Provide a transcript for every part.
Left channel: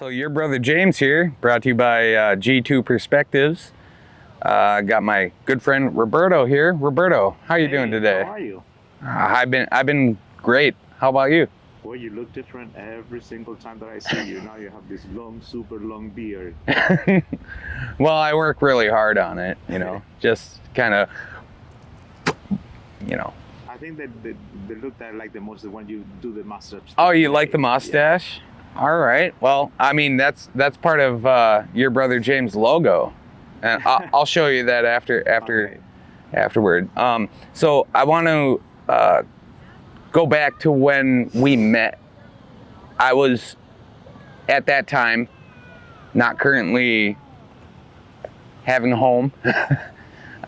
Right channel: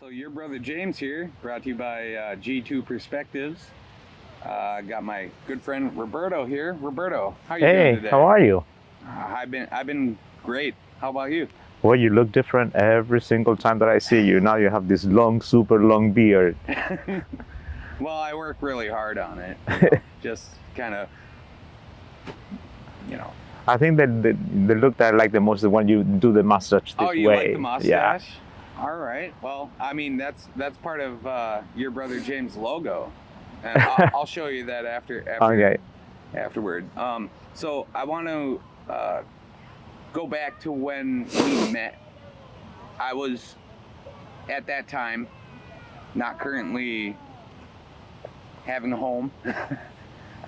So your brother James here, brought to you by G2 Perspectives. Got my good friend Roberto here. Roberto, how you doing today? How are you? I've been great. How about you? Well, you look different every single time that I see you. Now you have this long, super long beard. Well, I work really hard on it. Just kind of, I think that the look that I like the most is when you do the mustache. Oh, you way. like the mustache? Yeah. All right. Well, I mean that's part of your brother James' logo, and I'll show you that afterward. So I want to go back to when we met. I was at that time not currently having a home.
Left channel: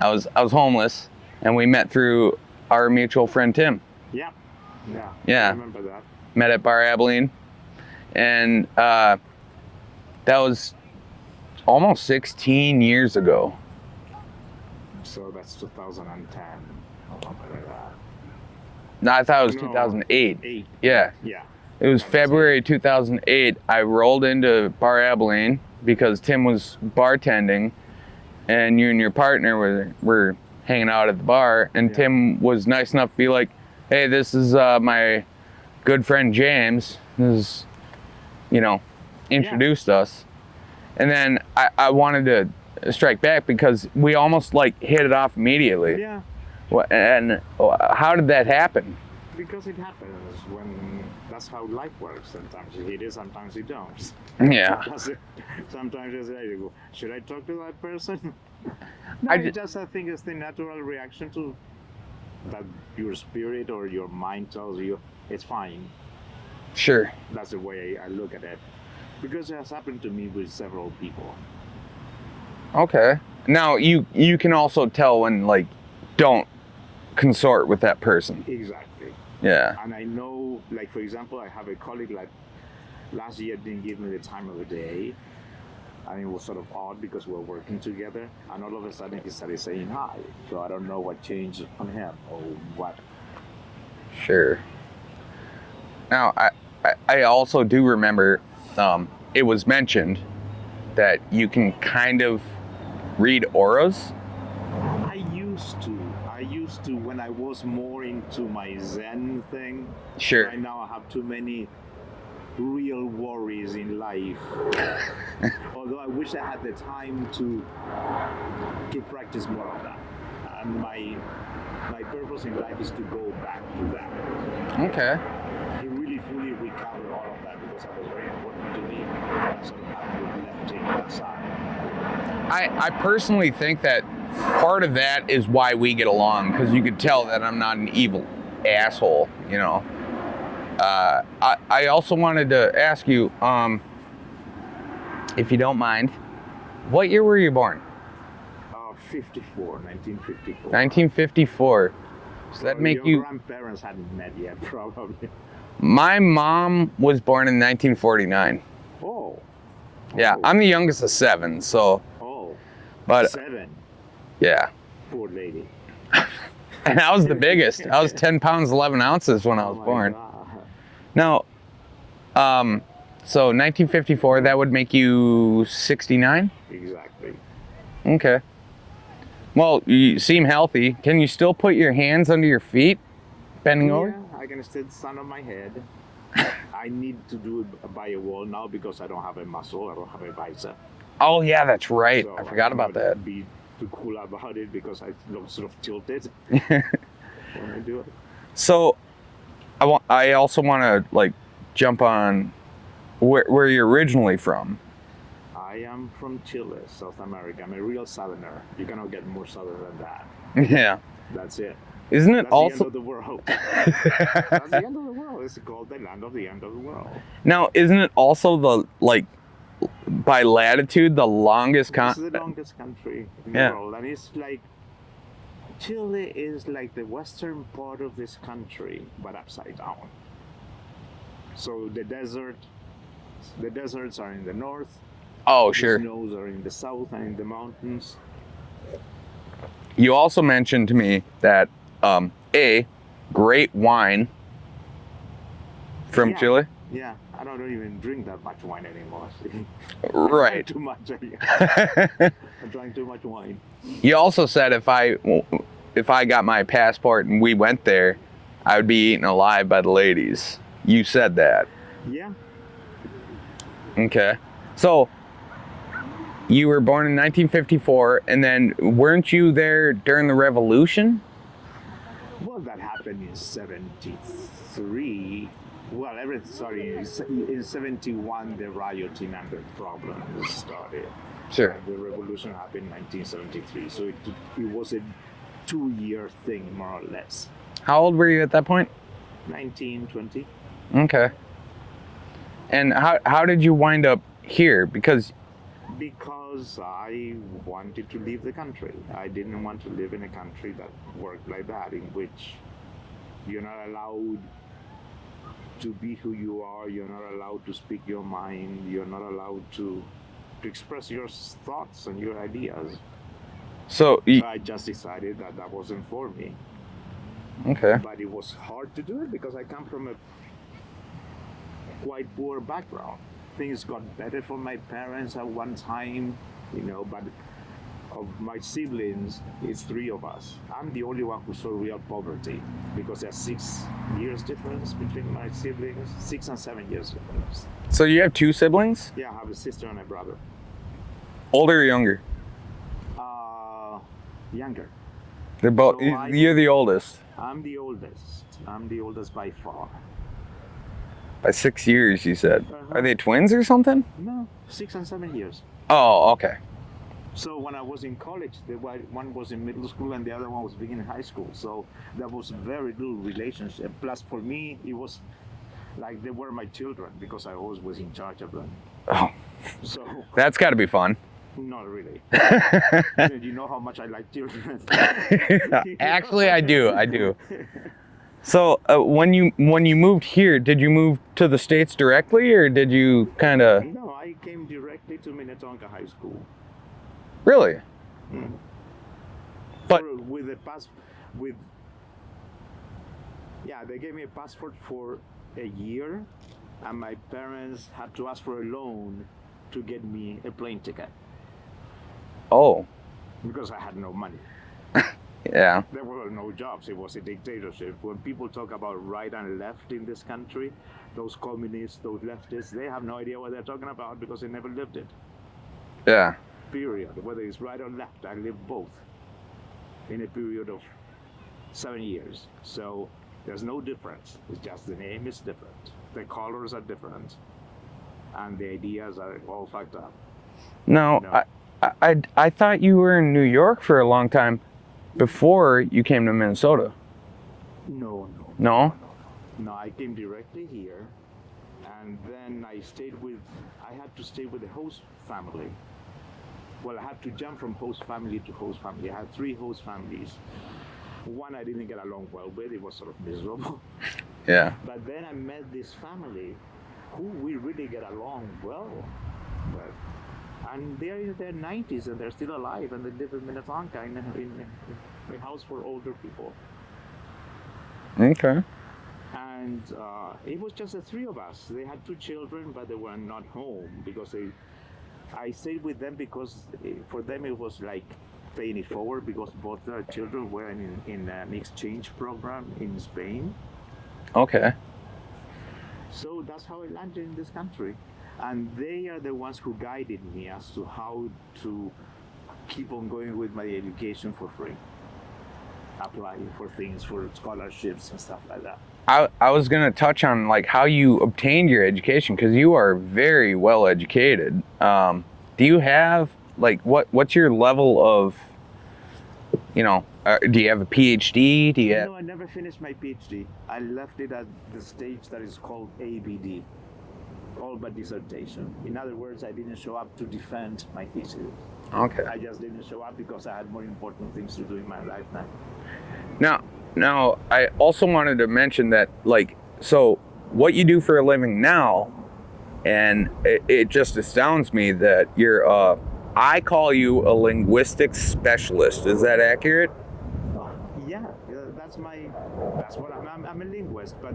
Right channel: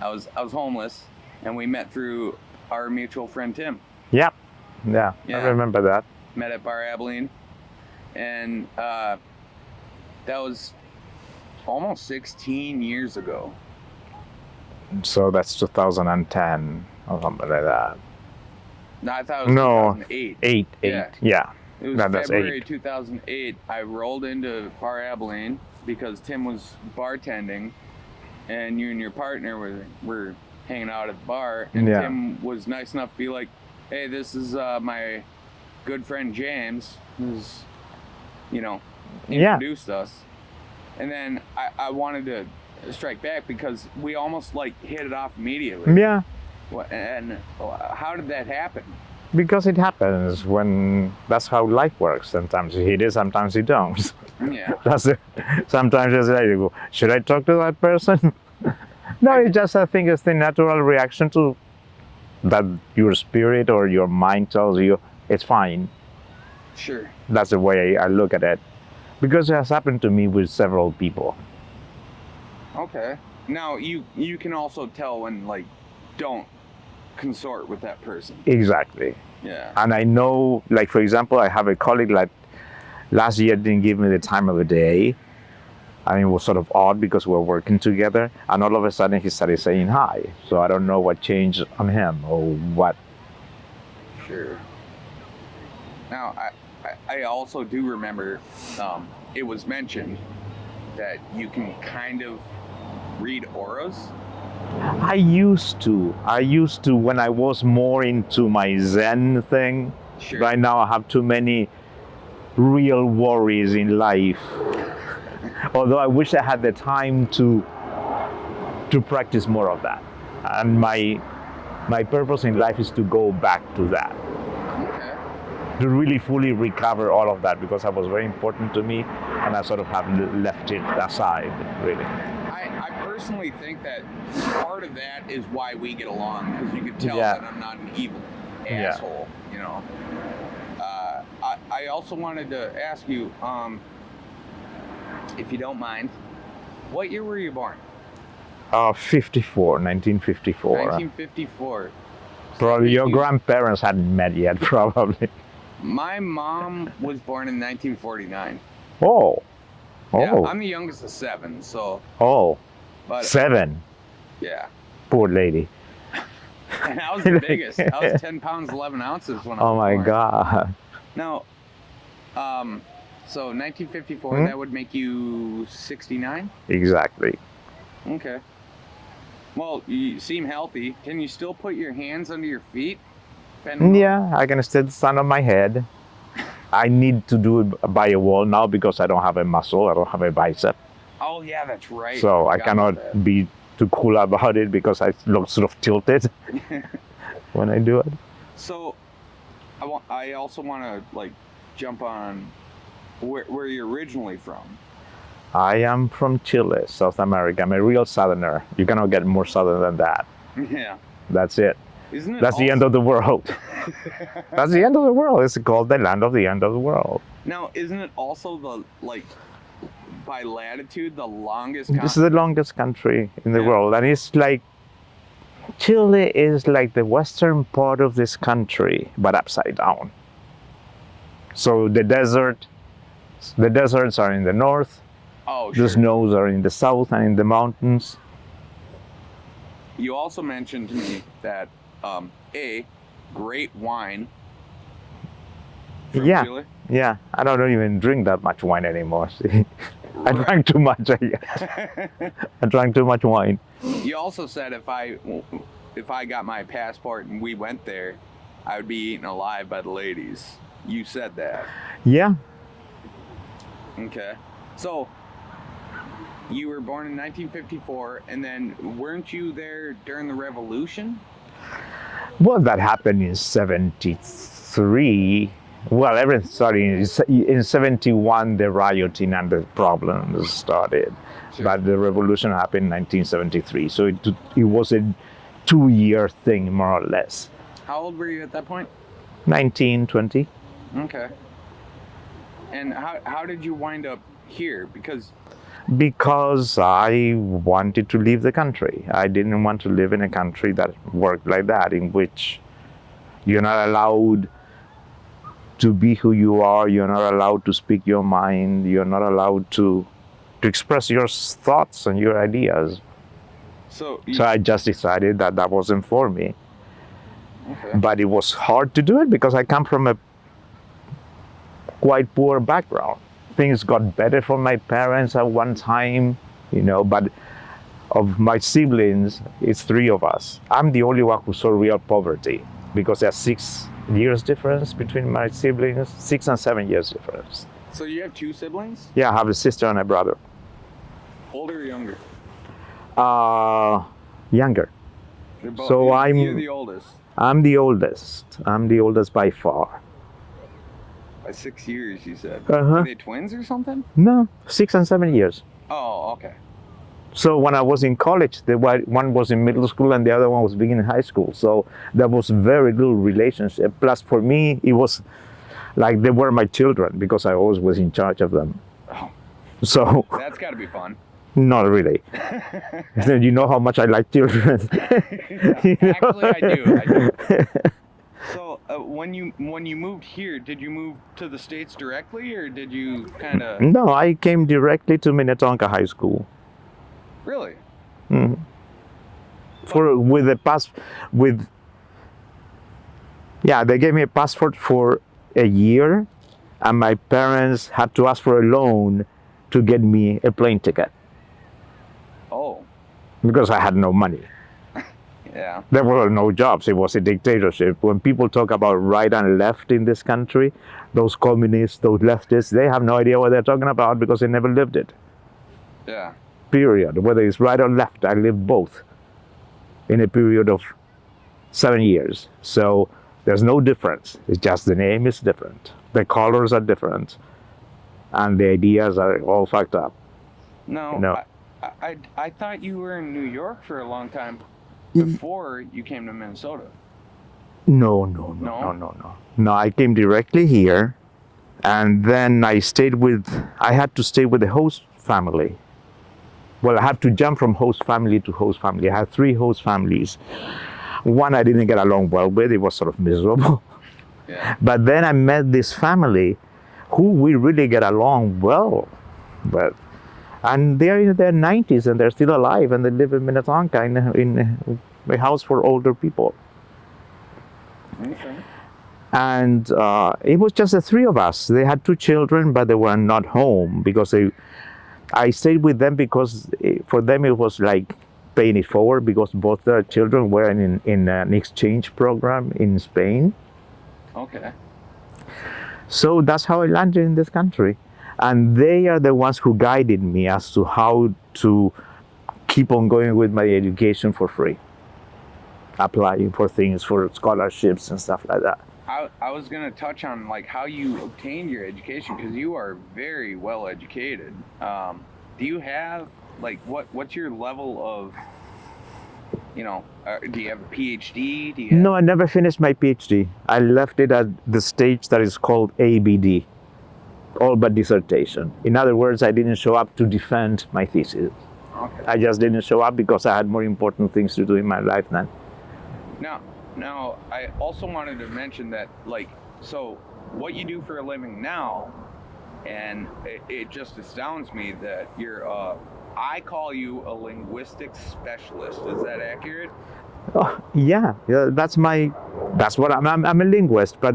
I was homeless, and we met through our mutual friend Tim. Yep. Yeah. I remember that. Met at Bar Abilene. And that was almost 16 years ago. So that's 2010 or something like that. No, I thought it was 2008. Eight. Yeah. It was February 2008. I rolled into Bar Abilene because Tim was bartending, and you and your partner were hanging out at the bar. And Tim was nice enough to be like, "Hey, this is my good friend James. This is." Introduced us. And then I wanted to strike back because we almost hit it off immediately. Yeah. And how did that happen? Because it happens that's how life works. Sometimes you hit it, sometimes you don't. Yeah. Sometimes you say, should I talk to that person? No, I think it's the natural reaction to that your spirit or your mind tells you it's fine. Sure. That's the way I look at it. Because it has happened to me with several people. Okay. Now, you can also tell when, don't consort with that person. Exactly. Yeah. And I know, for example, I have a colleague last year didn't give me the time of the day. I mean, it was sort of odd because we're working together. And all of a sudden, he started saying hi. So I don't know what changed on him or what. Sure. Now, I also do remember it was mentioned that you can kind of read auras. I used to when I was more into my Zen thing. Sure. Right now I have too many real worries in life. Although I wish I had the time to practice more of that. And my purpose in life is to go back to that. Okay. To really fully recover all of that, because that was very important to me, and I sort of have left it aside, really. I personally think that part of that is why we get along, because you could tell that I'm not an evil asshole, I also wanted to ask you, if you don't mind, what year were you born? 1954. 1954. Probably your grandparents hadn't met yet, probably. My mom was born in 1949. Oh. Yeah, I'm the youngest of 7, so. Oh. But 7. Yeah. Poor lady. And I was the biggest. I was 10 pounds 11 ounces when I was born. Oh my God. Now, so 1954, that would make you 69? Exactly. Okay. Well, you seem healthy. Can you still put your hands under your feet? Yeah, I can still stand on my head. I need to do it by a wall now because I don't have a muscle. I don't have a bicep. Oh yeah, that's right. So I cannot be too cool about it because I look sort of tilted when I do it. So I also want to jump on where you're originally from. I am from Chile, South America. I'm a real southerner. You cannot get more southern than that. Yeah. That's it. Isn't it? That's the end of the world. That's the end of the world. It's called the land of the end of the world. Now, isn't it also by latitude, the longest country? This is the longest country in the world. And it's Chile is like the western part of this country, but upside down. So the deserts are in the north. Oh, sure. The snows are in the south and in the mountains. You also mentioned to me that great wine from Chile. Yeah, I don't even drink that much wine anymore. See? I Right. drank too much. I drank too much wine. You also said if I got my passport and we went there, I would be eaten alive by the ladies. You said that. Yeah. Okay. So you were born in 1954, and then weren't you there during the Revolution? Well, that happened in 73. Well, everything started in 71, the rioting and the problems started. Sure. But the revolution happened in 1973. So it was a 2-year thing, more or less. How old were you at that point? 19, 20. Okay. And how did you wind up here? Because I wanted to leave the country. I didn't want to live in a country that worked like that, in which you're not allowed to be who you are, you're not allowed to speak your mind, you're not allowed to express your thoughts and your ideas. so I just decided that that wasn't for me. okay. But it was hard to do it because I come from a quite poor background. Things got better for my parents at one time, but of my siblings, it's 3 of us. I'm the only one who saw real poverty because there's 6 years difference between my siblings, 6 and 7 years difference. So you have 2 siblings? Yeah, I have a sister and a brother. Older or younger? Younger. They're both. So You're the oldest I'm the oldest. I'm the oldest by far. by 6 years. You said. Uh-huh. Are they twins or something? No, 6 and 7 years. Oh, okay. So when I was in college, one was in middle school and the other one was beginning high school. So there was very little relationship. Plus, for me, it was like they were my children because I always was in charge of them. Oh, So that's got to be fun. not really. You know how much I like children. Actually, I do. So when you moved here, did you move to the States directly, or did you kind of? No, I came directly to Minnetonka High School. Really? Mhm. But- They gave me a passport for a year, and my parents had to ask for a loan to get me a plane ticket Oh, because I had no money. yeah. There were no jobs. It was a dictatorship. When people talk about right and left in this country, those communists, those leftists, they have no idea what they're talking about because they never lived it. Yeah. Period. Whether it's right or left, I lived both in a period of 7 years. So there's no difference. It's just the name is different. The colors are different. And the ideas are all fucked up. No. I thought you were in New York for a long time before you came to Minnesota. No. No, I came directly here, and then I had to stay with the host family. Well, I had to jump from host family to host family. I had 3 host families. One I didn't get along well with. It was sort of miserable. Yeah. But then I met this family who we really get along well with. And they're in their 90s and they're still alive and they live in Minnetonka in a house for older people. Okay. And it was just the 3 of us. They had 2 children, but they were not home because I stayed with them because for them it was like paying it forward because both their children were in an exchange program in Spain. Okay. So that's how I landed in this country. And they are the ones who guided me as to how to keep on going with my education for free. Applying for things, for scholarships and stuff like that. I was gonna touch on like how you obtained your education because you are very well educated. Do you have like what's your level of, do you have a PhD? Do you have... No, I never finished my PhD. I left it at the stage that is called ABD, all but dissertation. In other words, I didn't show up to defend my thesis. Okay. I just didn't show up because I had more important things to do in my life then. Now, I also wanted to mention that, so what you do for a living now, and it just astounds me that you're, I call you a linguistics specialist. Is that accurate? Oh, yeah, that's what I'm a linguist, but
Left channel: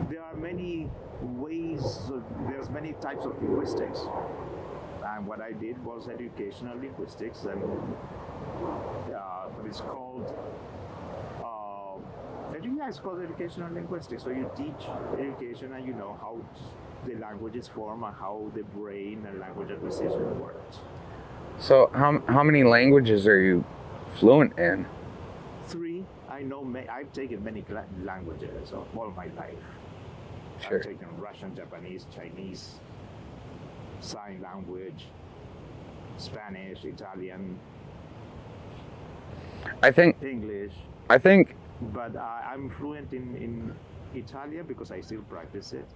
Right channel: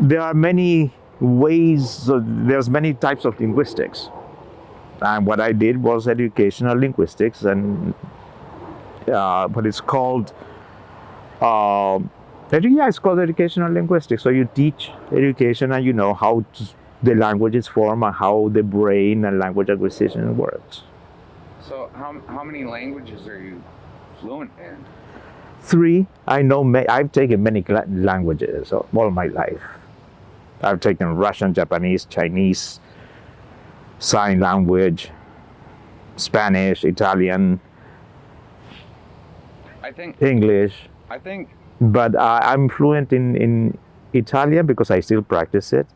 there are many ways, there's many types of linguistics. And what I did was educational linguistics, and but it's called, it's called educational linguistics. So you teach education and you know how the languages form and how the brain and language acquisition works. So how many languages are you fluent in? 3. I know I've taken many languages all my life. Sure. I've taken Russian, Japanese, Chinese, sign language, Spanish, Italian, English. But I'm fluent in Italian because I still practice it.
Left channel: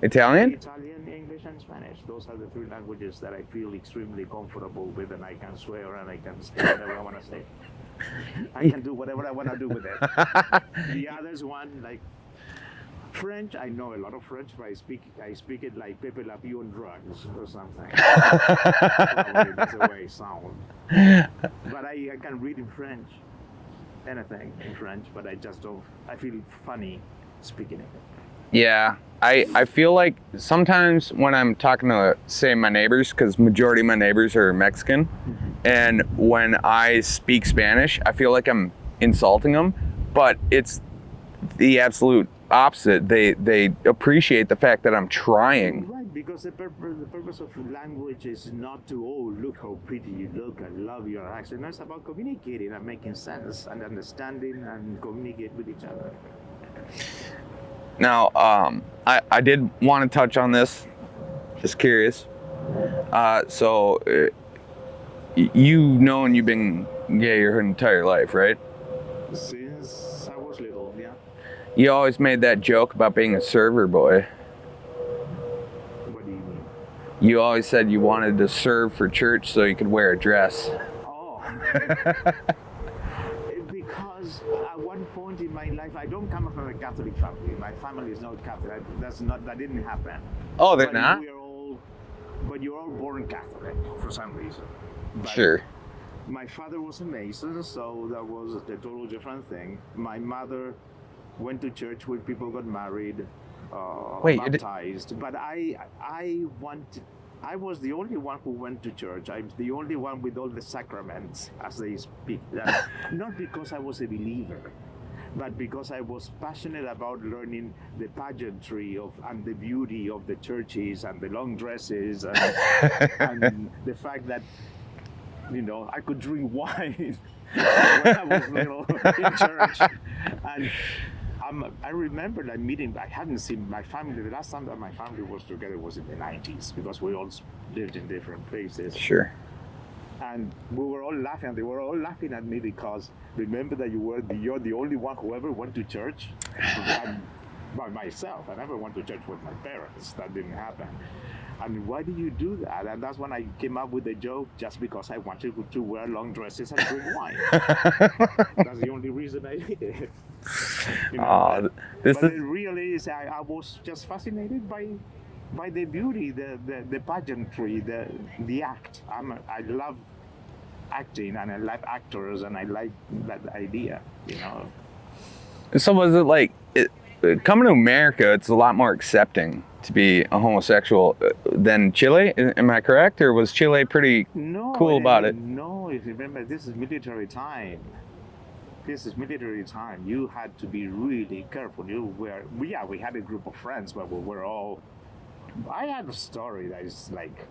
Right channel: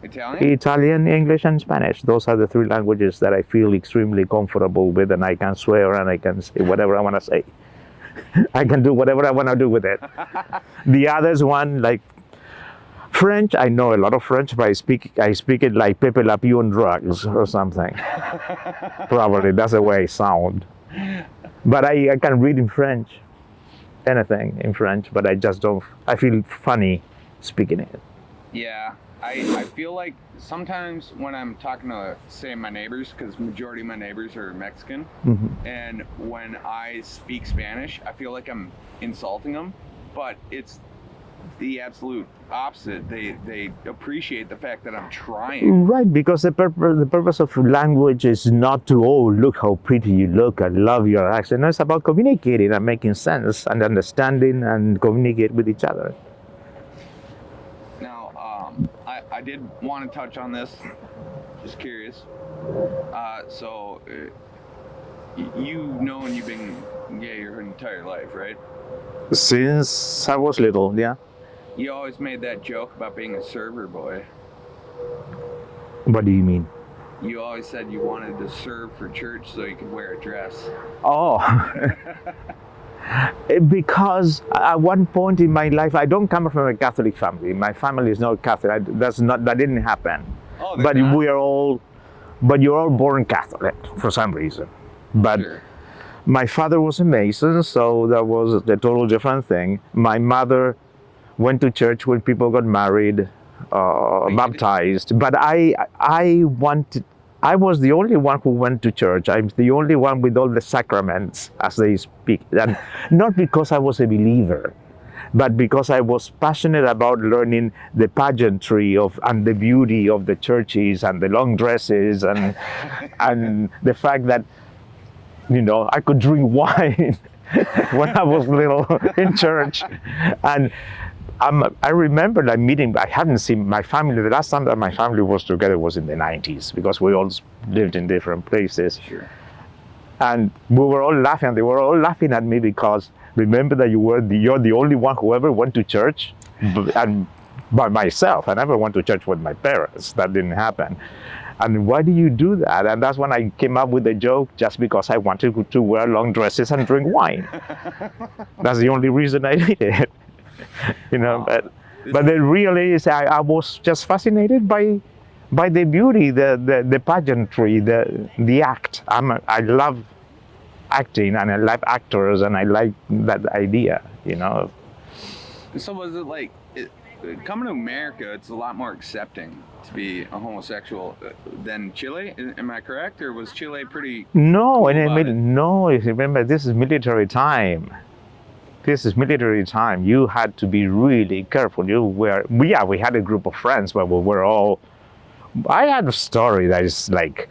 Italian, English, and Spanish. Those are the 3 languages that I feel extremely comfortable with, and I can swear and I can say whatever I want to say. I can do whatever I want to do with it. The others one, like French, I know a lot of French, but I speak it like Pepe Le Pew on drugs or something. Probably that's the way I sound. But I can read in French, anything in French, but I just don't. I feel funny speaking it. Yeah. I feel like sometimes when I'm talking to, say, my neighbors, because majority of my neighbors are Mexican, and when I speak Spanish, I feel like I'm insulting them, but it's the absolute opposite. They appreciate the fact that I'm trying. Right, because the purpose of language is not to, oh, look how pretty you look, I love your accent. No, it's about communicating and making sense and understanding and communicate with each other. Now, I did want to touch on this, just curious. So, you've been gay your entire life, right? Since I was little, yeah. You always made that joke about being a server boy. What do you mean? You always said you wanted to serve for church so you could wear a dress. Oh. Because at one point in my life, I don't come from a Catholic family. My family is not Catholic. That didn't happen. Oh, but not? But you're all born Catholic for some reason. But sure. My father was a Mason, so that was a total different thing. My mother went to church when people got married, baptized. But I was the only one who went to church. I'm the only one with all the sacraments, as they speak. And not because I was a believer, but because I was passionate about learning the pageantry and the beauty of the churches and the long dresses and and the fact that, I could drink wine when I was little in church. And I remember that meeting. I hadn't seen my family. The last time that my family was together was in the 90s, because we all lived in different places. Sure. And we were all laughing. They were all laughing at me because, remember that you're the only one who ever went to church, and by myself. I never went to church with my parents. That didn't happen. And why do you do that? And that's when I came up with the joke, just because I wanted to wear long dresses and drink wine. That's the only reason I did it. But it really is. I was just fascinated by the beauty, the pageantry, the act. I love acting, and I love actors, and I like that idea. So was it like coming to America? It's a lot more accepting to be a homosexual than Chile. Am I correct, or was Chile pretty cool about it? No, remember, this is military time. You had to be really careful. We had a group of friends, but we were all. I had a story that is like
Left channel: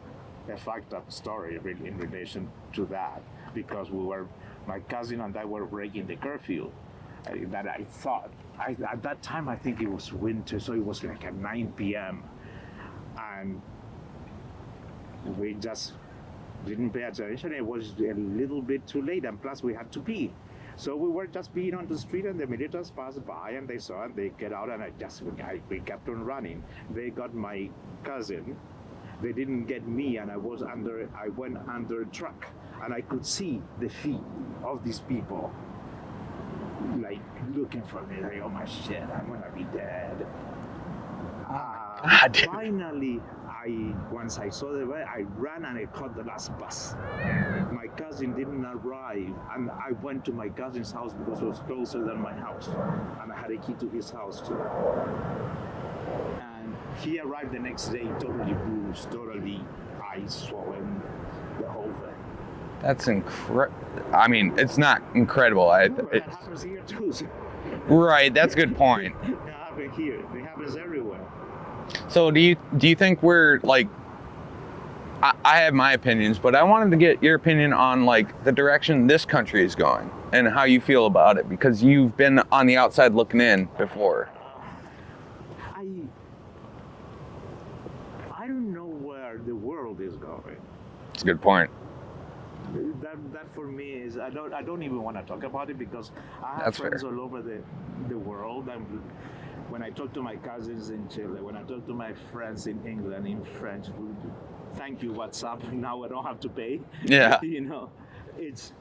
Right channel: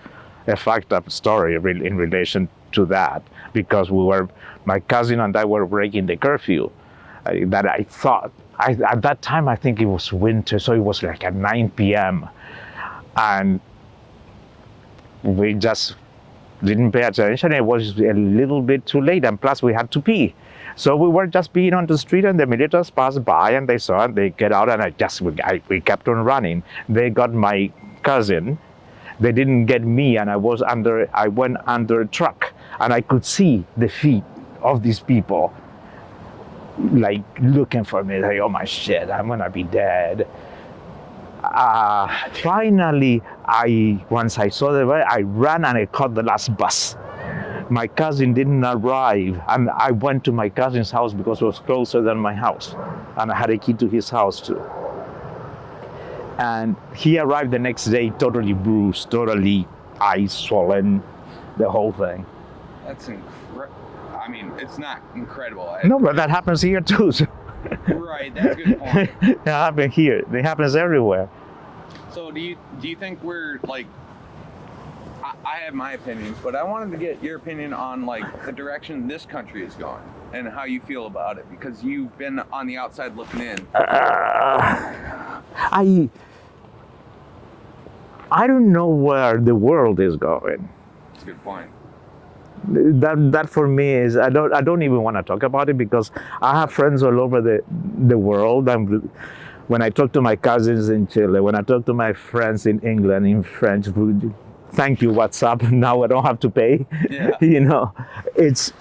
a fucked up story in relation to that, because my cousin and I were breaking the curfew. That I thought, at that time I think it was winter, so it was like at 9 p.m. and we just didn't pay attention. It was a little bit too late, and plus we had to pee. So we were just peeing on the street, and the militaries passed by, and they saw it. They get out, and we kept on running. They got my cousin. They didn't get me, and I went under a truck, and I could see the feet of these people, like looking for me. Like, oh my shit, I'm gonna be dead. Finally, once I saw them, I ran and I caught the last bus. My cousin didn't arrive, and I went to my cousin's house because it was closer than my house, and I had a key to his house too. And he arrived the next day totally bruised, totally eyes swollen, the whole thing. That's incredible. I mean, it's not incredible. No, but that happens here too. So. Right, that's a good point. It happens here. It happens everywhere. So do you think we're like, I have my opinions, but I wanted to get your opinion on like the direction this country is going and how you feel about it, because you've been on the outside looking in before. I don't know where the world is going. That's a good point. That for me is I don't even want to talk about it, because I have friends all over the world. When I talk to my cousins in Chile, when I talk to my friends in England in French, thank you, WhatsApp. Now I don't have to pay. Yeah. You know, it's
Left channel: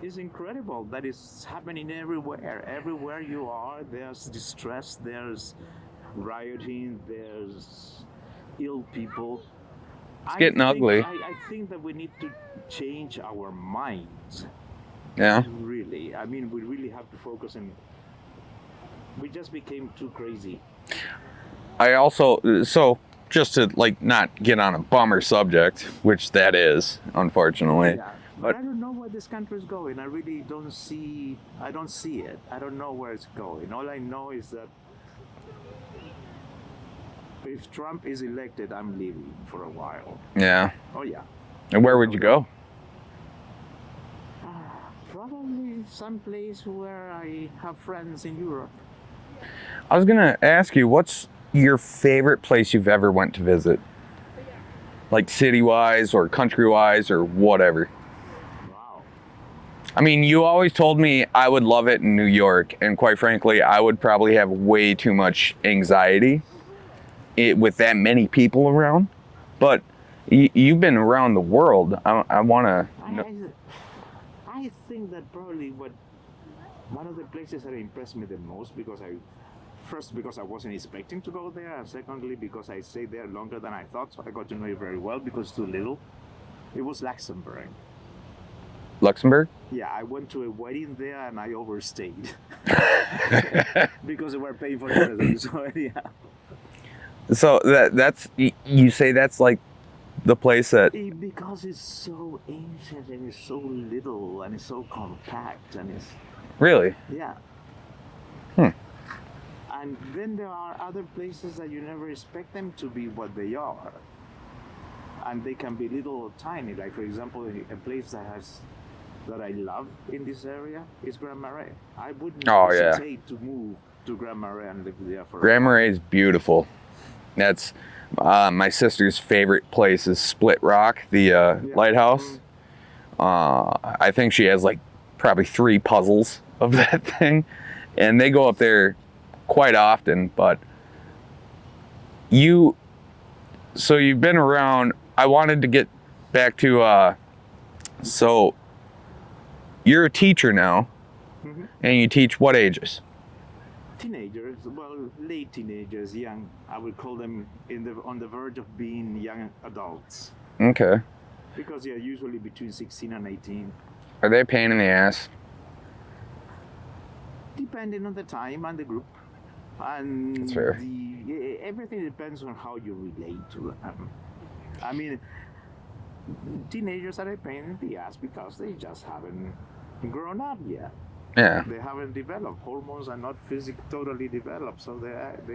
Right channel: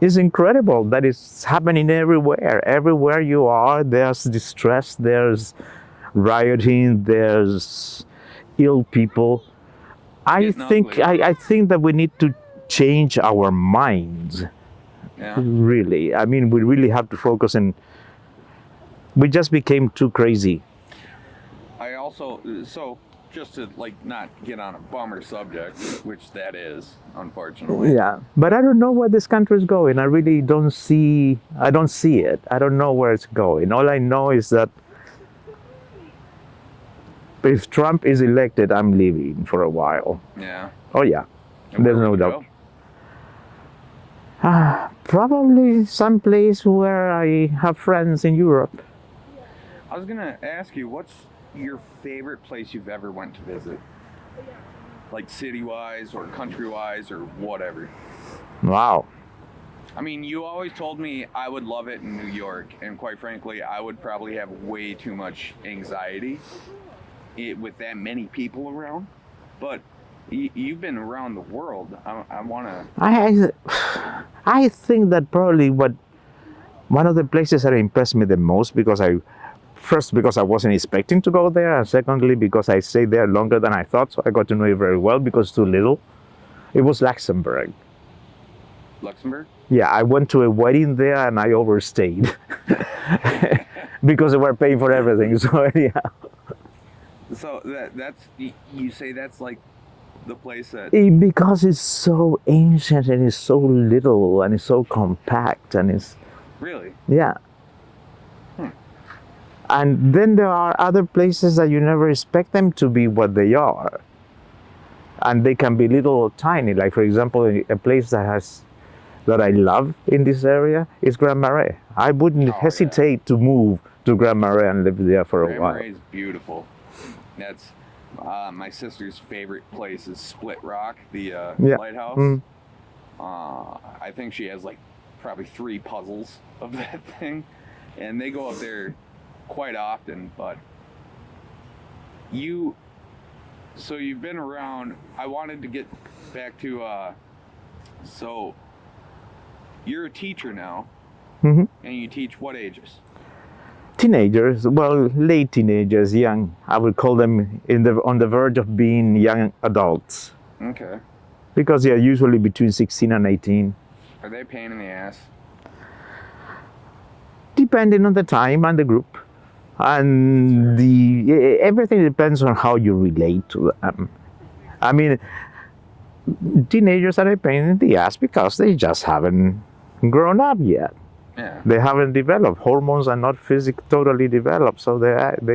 incredible that it's happening everywhere. Everywhere you are, there's distress, there's rioting, there's ill people. I think that we need to change our minds. Yeah. Really. I mean, we really have to focus on. We just became too crazy. So just to like not get on a bummer subject, which that is, unfortunately. Yeah. But I don't know where this country is going. I really don't see it. I don't know where it's going. All I know is that if Trump is elected, I'm leaving for a while. Yeah. Oh yeah. And where would you go? Probably someplace where I have friends in Europe. I was gonna ask you, what's your favorite place you've ever went to visit? Like city-wise or country-wise or whatever. Wow. I mean, you always told me I would love it in New York, and quite frankly, I would probably have way too much anxiety with that many people around. But you've been around the world. I want to... I think that probably one of the places that impressed me the most, because I wasn't expecting to go there, and secondly because I stayed there longer than I thought, so I got to know it very well because too little. It was Luxembourg. Luxembourg? Yeah, I went to a wedding there and I overstayed because they were paying for everything. So yeah. So that's you say that's like the place that... Because it's so ancient and it's so little and it's so compact and it's... Really? Yeah. And then there are other places that you never expect them to be what they are. And they can be little or tiny. Like, for example, a place that I love in this area is Grand Marais. I wouldn't hesitate to move to Grand Marais and live there for a while. Grand Marais is beautiful. That's my sister's favorite place is Split Rock, the lighthouse. I think she has like probably 3 puzzles of that thing. And they go up there quite often, but you've been around. I wanted to get back to so you're a teacher now, and you teach what ages? Teenagers, well, late teenagers, young. I would call them on the verge of being young adults. Okay. Because they are usually between 16 and 18. Are they a pain in the ass? Depending on the time and the group. And everything depends on how you relate to them. I mean, teenagers are a pain in the ass because they just haven't grown up yet. Yeah. They haven't developed. Hormones are not totally developed, so they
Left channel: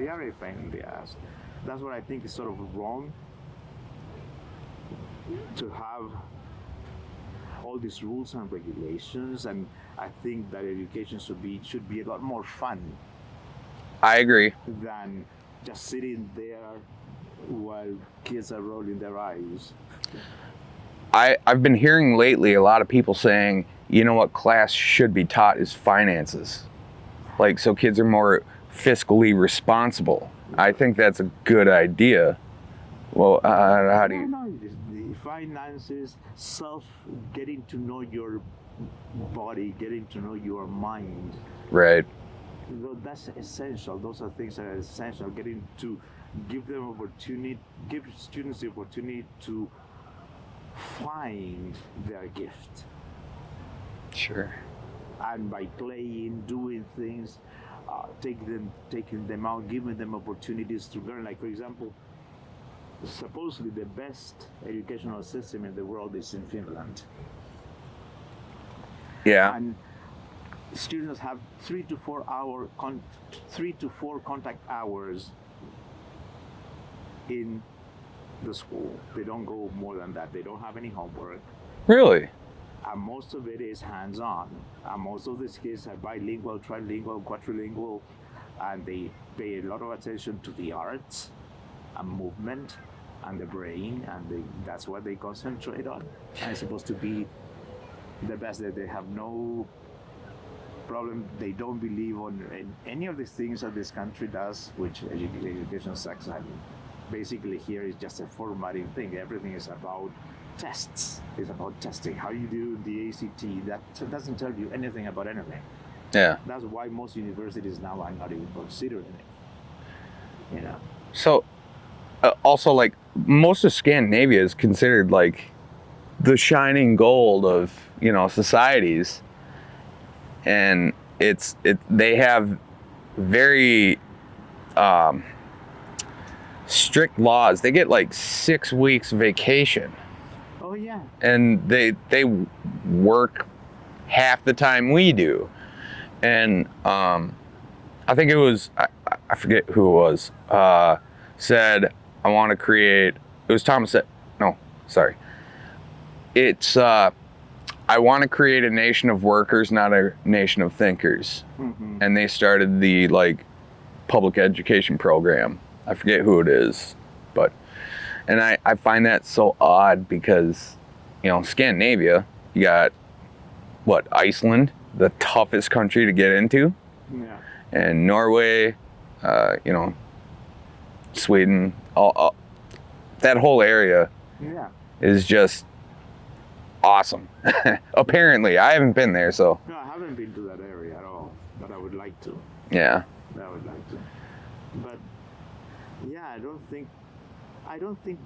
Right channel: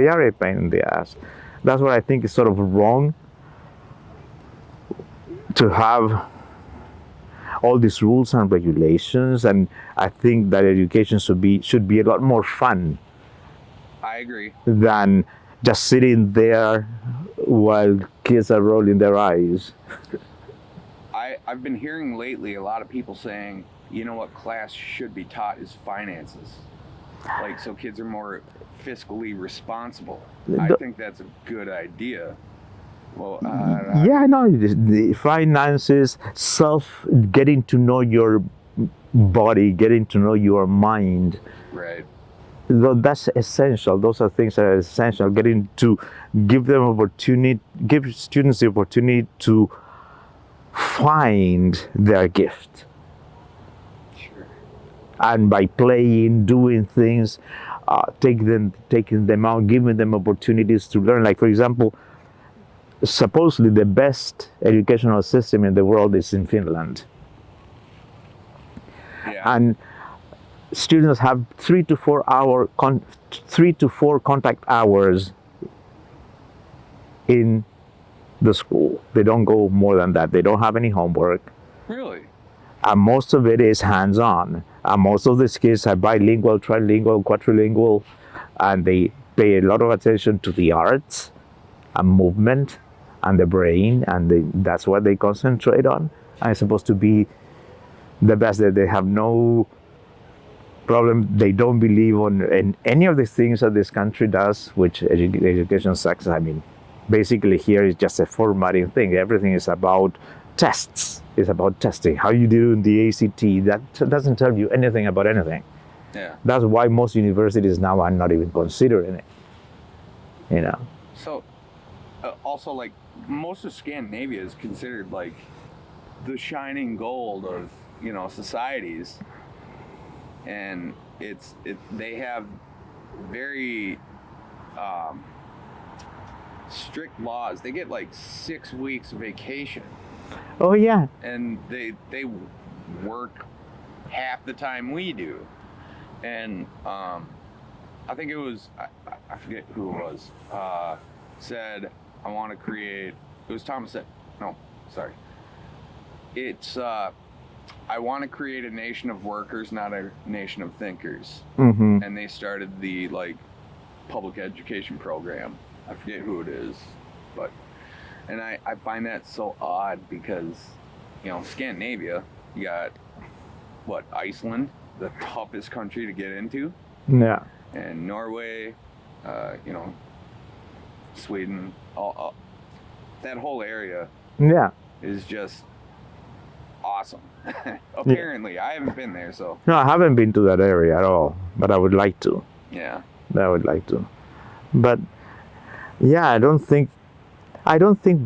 are a pain in the ass. That's what I think is sort of wrong, to have all these rules and regulations, and I think that education should be a lot more fun. I agree. Than just sitting there while kids are rolling their eyes. I've been hearing lately a lot of people saying, you know what class should be taught is finances. Like, so kids are more fiscally responsible. I think that's a good idea. Well, the finances, getting to know your body, getting to know your mind. Right. That's essential. Those are things that are essential. Getting to give students the opportunity to find their gift. Sure. And by playing, doing things, taking them out, giving them opportunities to learn. Like, for example, supposedly the best educational system in the world is in Finland. Yeah. And students have 3 to 4 contact hours in the school. They don't go more than that. They don't have any homework. Really? And most of it is hands-on. And most of these kids are bilingual, trilingual, quadrilingual, and they pay a lot of attention to the arts and movement and the brain, and that's what they concentrate on. And it's supposed to be the best. That they have no problem. They don't believe in any of the things that this country does, which education sucks. I mean, basically here is just a formatting thing. Everything is about tests. It's about testing. How you do in the ACT. That doesn't tell you anything about anything. Yeah. That's why most universities now are not even considering it. You know. So, also, like, most of Scandinavia is considered like the shining gold of, you know, societies, and they have very strict laws. They get like 6 weeks vacation. Oh yeah. And they work half the time we do. And I think it was I forget who it was said, I want to create, it was Thomas said, no, sorry. It's I want to create a nation of workers, not a nation of thinkers. Mm-hmm. And they started the like public education program. I forget who it is, but and I find that so odd because, you know, Scandinavia, you got what, Iceland, the toughest country to get into. Yeah. And Norway, you know, Sweden, all that whole area. Yeah. Is just awesome. Apparently, I haven't been there, so. No, I haven't been to that area at all, but I would like to. Yeah. I would like to. But yeah, I don't think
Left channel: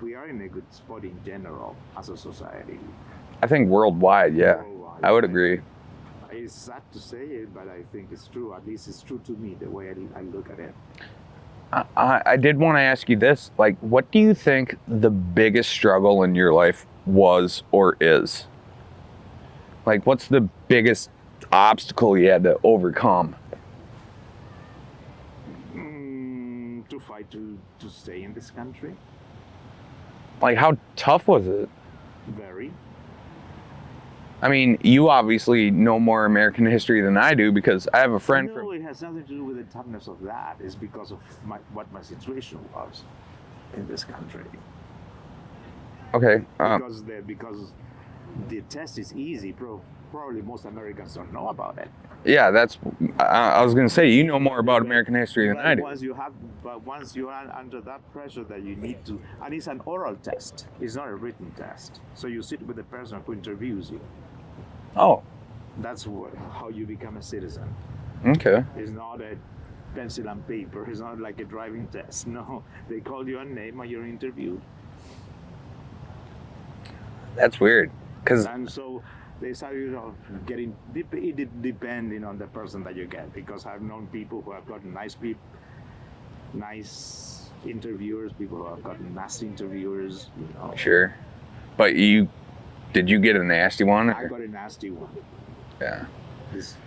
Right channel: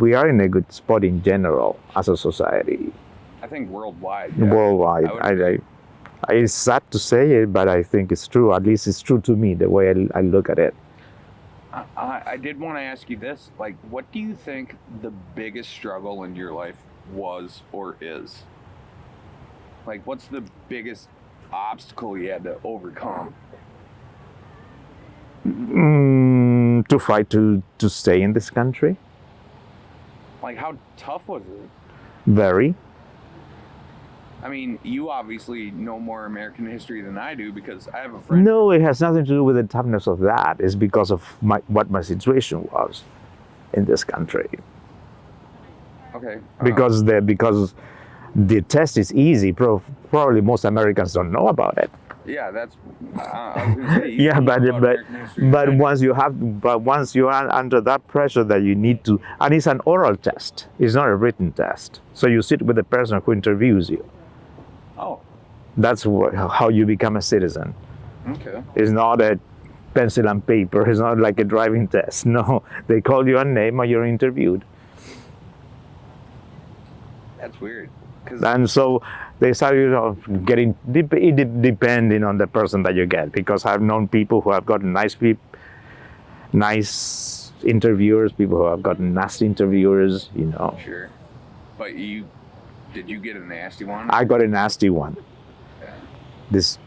we are in a good spot in general as a society. I think worldwide, yeah. Worldwide. I would agree. It's sad to say it, but I think it's true. At least it's true to me, the way I look at it. I did want to ask you this. Like, what do you think the biggest struggle in your life was or is? Like, what's the biggest obstacle you had to overcome? To fight to stay in this country. Like, how tough was it? Very. I mean, you obviously know more American history than I do because I have a friend. No, it has nothing to do with the toughness of that. It's because of what my situation was in this country. Okay. Because the test is easy. Probably most Americans don't know about it. Yeah, that's. I was going to say you know more about American history. But once you are under that pressure that you need to, and it's an oral test. It's not a written test. So you sit with the person who interviews you. Oh. That's how you become a citizen. Okay. It's not a pencil and paper. It's not like a driving test. No, they call you a name and you're interviewed. That's weird. And so they start, you know, getting depending on the person that you get. Because I've known people who have gotten nice interviewers, people who have gotten nasty interviewers. You know. Sure. But did you get a nasty one? I got a nasty one. Yeah. This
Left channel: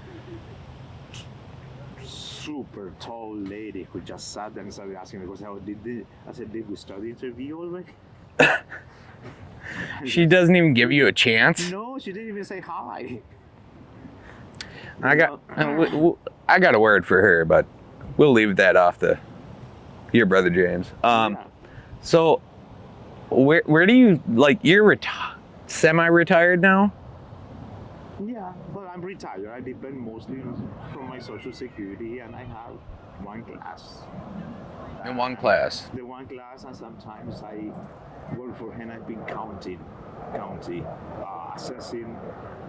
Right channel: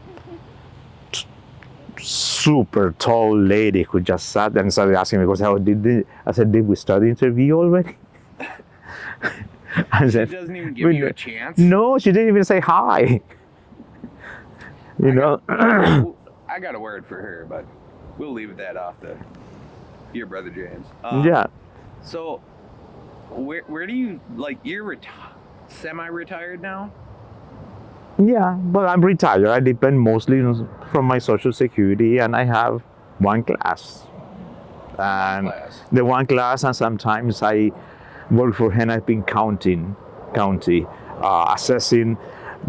super tall lady who just sat there and started asking me, I said, did we start the interview already? She doesn't even give you a chance? No, she didn't even say hi. I got a word for her, but we'll leave that off your brother James. Yeah. So where do you, like, you're semi-retired now? Yeah, but I'm retired. I depend mostly from my Social Security, and I have one class. The one class, and sometimes I work for Hennepin County, assessing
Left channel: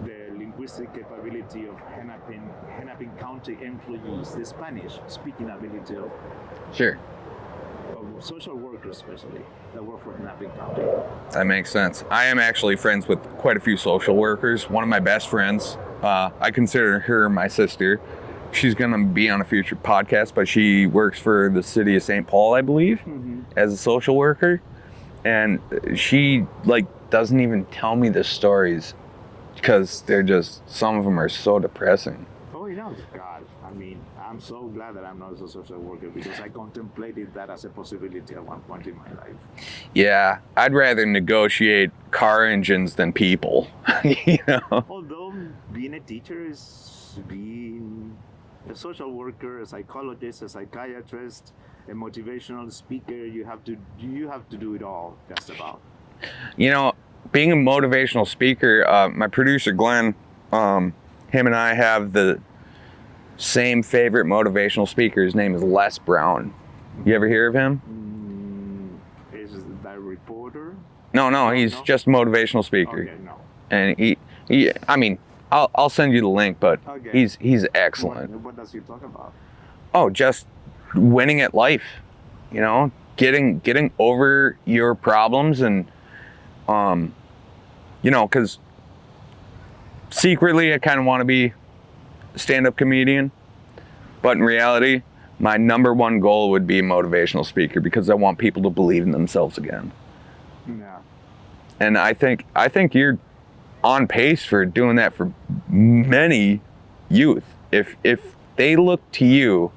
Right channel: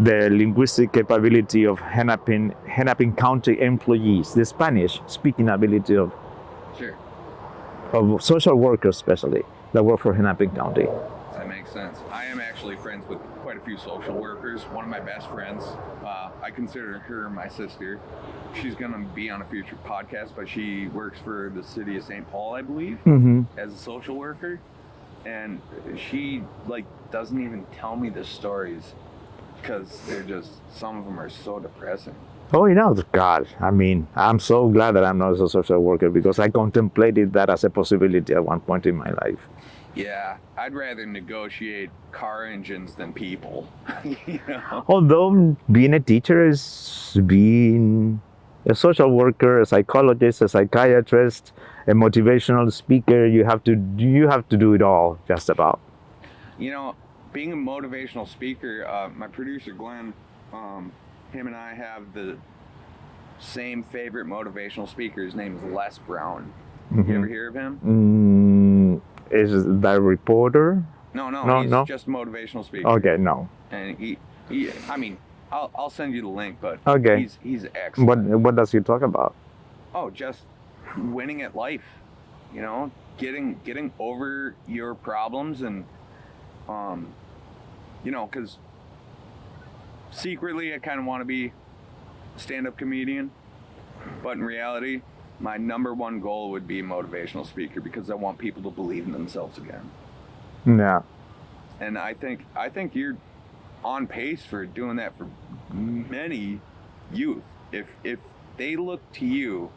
the linguistic capability of Hennepin County employees, the Spanish-speaking ability of social workers, especially that work for Hennepin County. That makes sense. I am actually friends with quite a few social workers. One of my best friends, I consider her my sister. she's gonna be on a future podcast, but she works for the city of St. Paul, I believe, as a social worker, and she like doesn't even tell me the stories because they're just, some of them are so depressing. Oh, God, I mean, I'm so glad that I'm not a social worker because I contemplated that as a possibility at one point in my life. Yeah, I'd rather negotiate car engines than people, Although being a teacher is being a social worker, a psychologist, a psychiatrist, a motivational speaker, you have to do it all, just about. Being a motivational speaker, my producer Glenn, him and I have the same favorite motivational speaker. His name is Les Brown. You ever hear of him? Is that a reporter? No, he's just a motivational speaker. Okay, no. And he I mean, I'll send you the link, but okay. He's excellent. What does he talk about? Oh, just winning at life. Getting over your problems, and because secretly I kind of want to be a stand-up comedian, but in reality, my number one goal would be a motivational speaker because I want people to believe in themselves again. Yeah. And I think you're on pace for doing that for many youth. If they look to you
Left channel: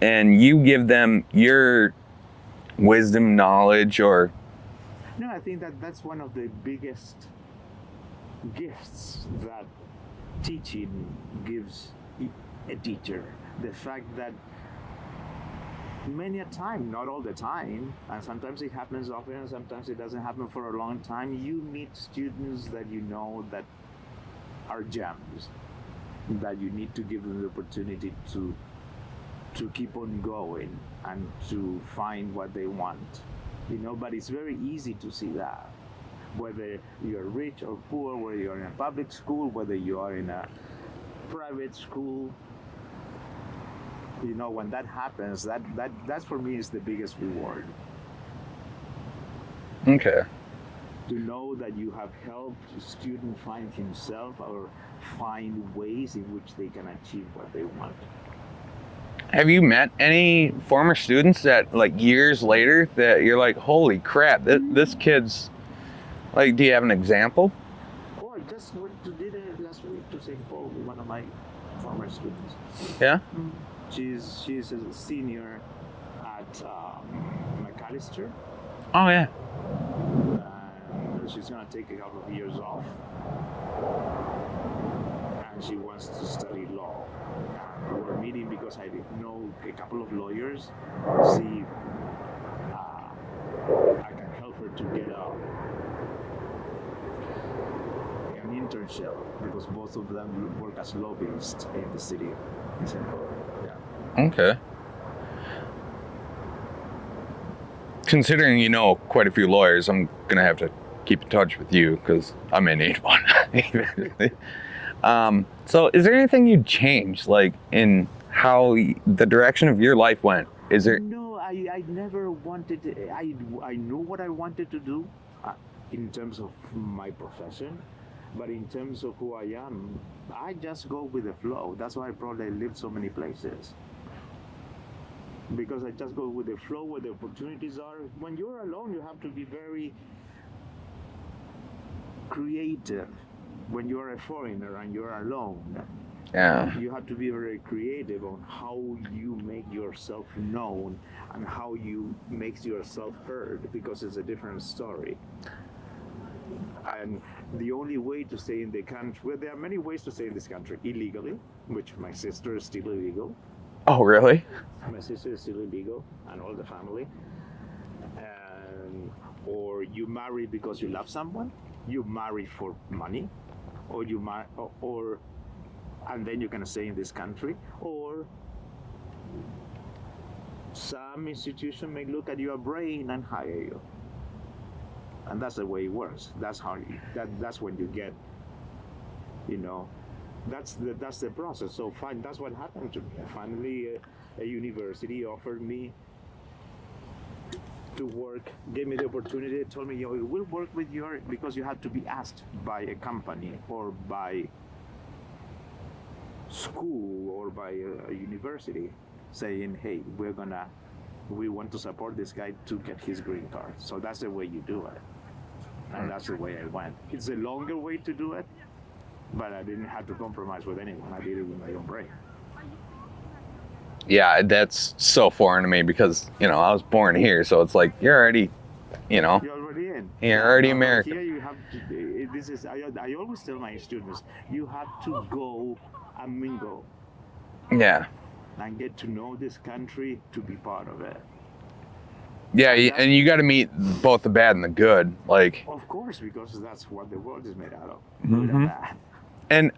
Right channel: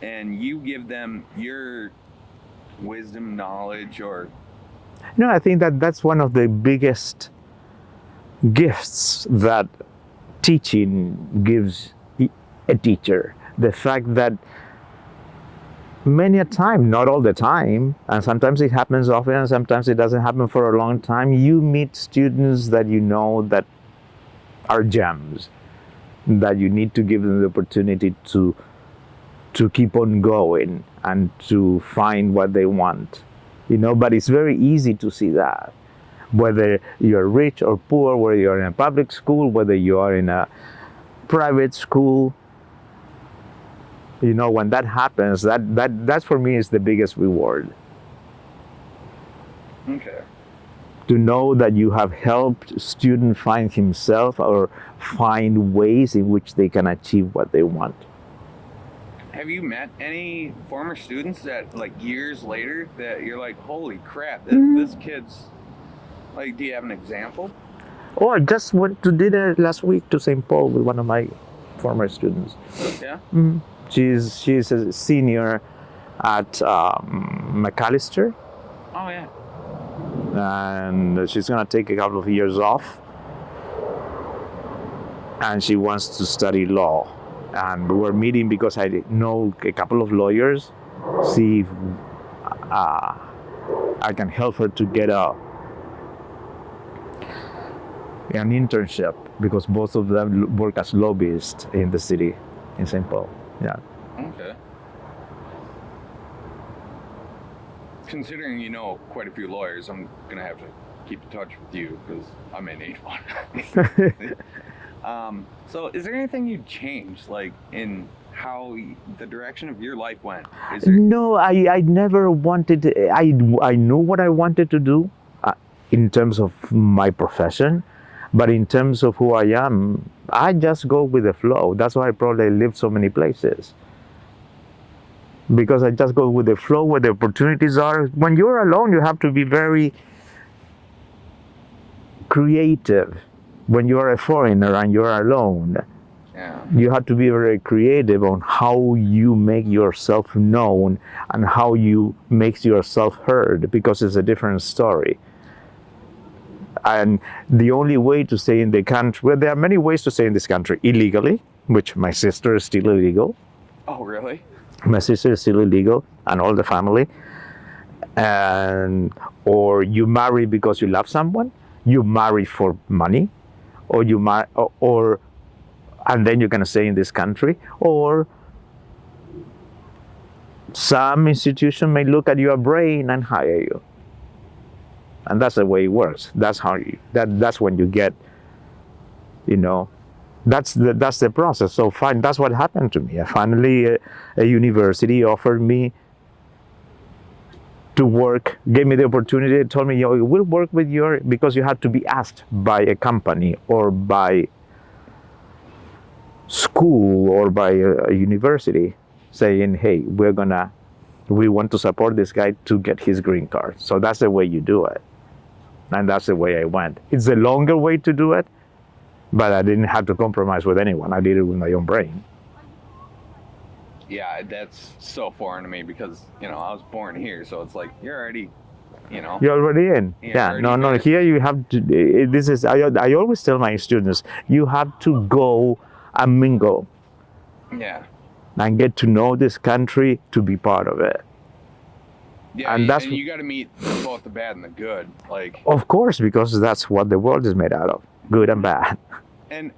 and you give them your wisdom, knowledge, or... No, I think that's one of the biggest gifts that teaching gives a teacher. The fact that many a time, not all the time, and sometimes it happens often and sometimes it doesn't happen for a long time, you meet students that that are gems, that you need to give them the opportunity to keep on going and to find what they want. But it's very easy to see that. Whether you're rich or poor, whether you're in a public school, whether you are in a private school, when that happens, that for me is the biggest reward. Okay. To know that you have helped a student find himself or find ways in which they can achieve what they want. Have you met any former students that, like, years later, that you're like, holy crap, this kid's, like, do you have an example? Oh, I just went to dinner last week to St. Paul with one of my former students. Yeah? Mm-hmm. She's a senior at McAllister. Oh, yeah. And she's going to take a couple of years off. And she wants to study law. And we're meeting because I know a couple of lawyers, see if I can help her to get an internship, because both of them work as lobbyists in the city, in St. Paul. Yeah. Okay. Considering you know quite a few lawyers, I'm going to have to keep in touch with you because I may need one. So is there anything you'd change, like, in how the direction of your life went? Is there? No, I never wanted to, I knew what I wanted to do in terms of my profession, but in terms of who I am, I just go with the flow. That's why I probably lived so many places. Because I just go with the flow where the opportunities are. When you're alone, you have to be very creative. When you're a foreigner and you're alone, you have to be very creative on how you make yourself known and how you make yourself heard, because it's a different story. And the only way to stay in the country, well, there are many ways to stay in this country illegally, which my sister is still illegal. Oh, really? My sister is still illegal, and all the family. Or you marry because you love someone, you marry for money, or you marry, and then you're gonna stay in this country, or some institution may look at your brain and hire you. And that's the way it works. That's how that's when you get, that's the process. So fine, that's what happened to me. Finally, a university offered me to work, gave me the opportunity, told me, we'll work with because you had to be asked by a company or by school or by a university saying, hey, we want to support this guy to get his green card. So that's the way you do it. And that's the way I went. It's a longer way to do it, but I didn't have to compromise with anyone. I did it with my own brain. Yeah, that's so foreign to me because, I was born here, so it's like you're already, You're already in. You're already American. Here you have to, I always tell my students, you have to go and mingle. Yeah. And get to know this country to be part of it. Yeah, and you got to meet both the bad and the good. Like, of course, because that's what the world is made out of, good and bad. And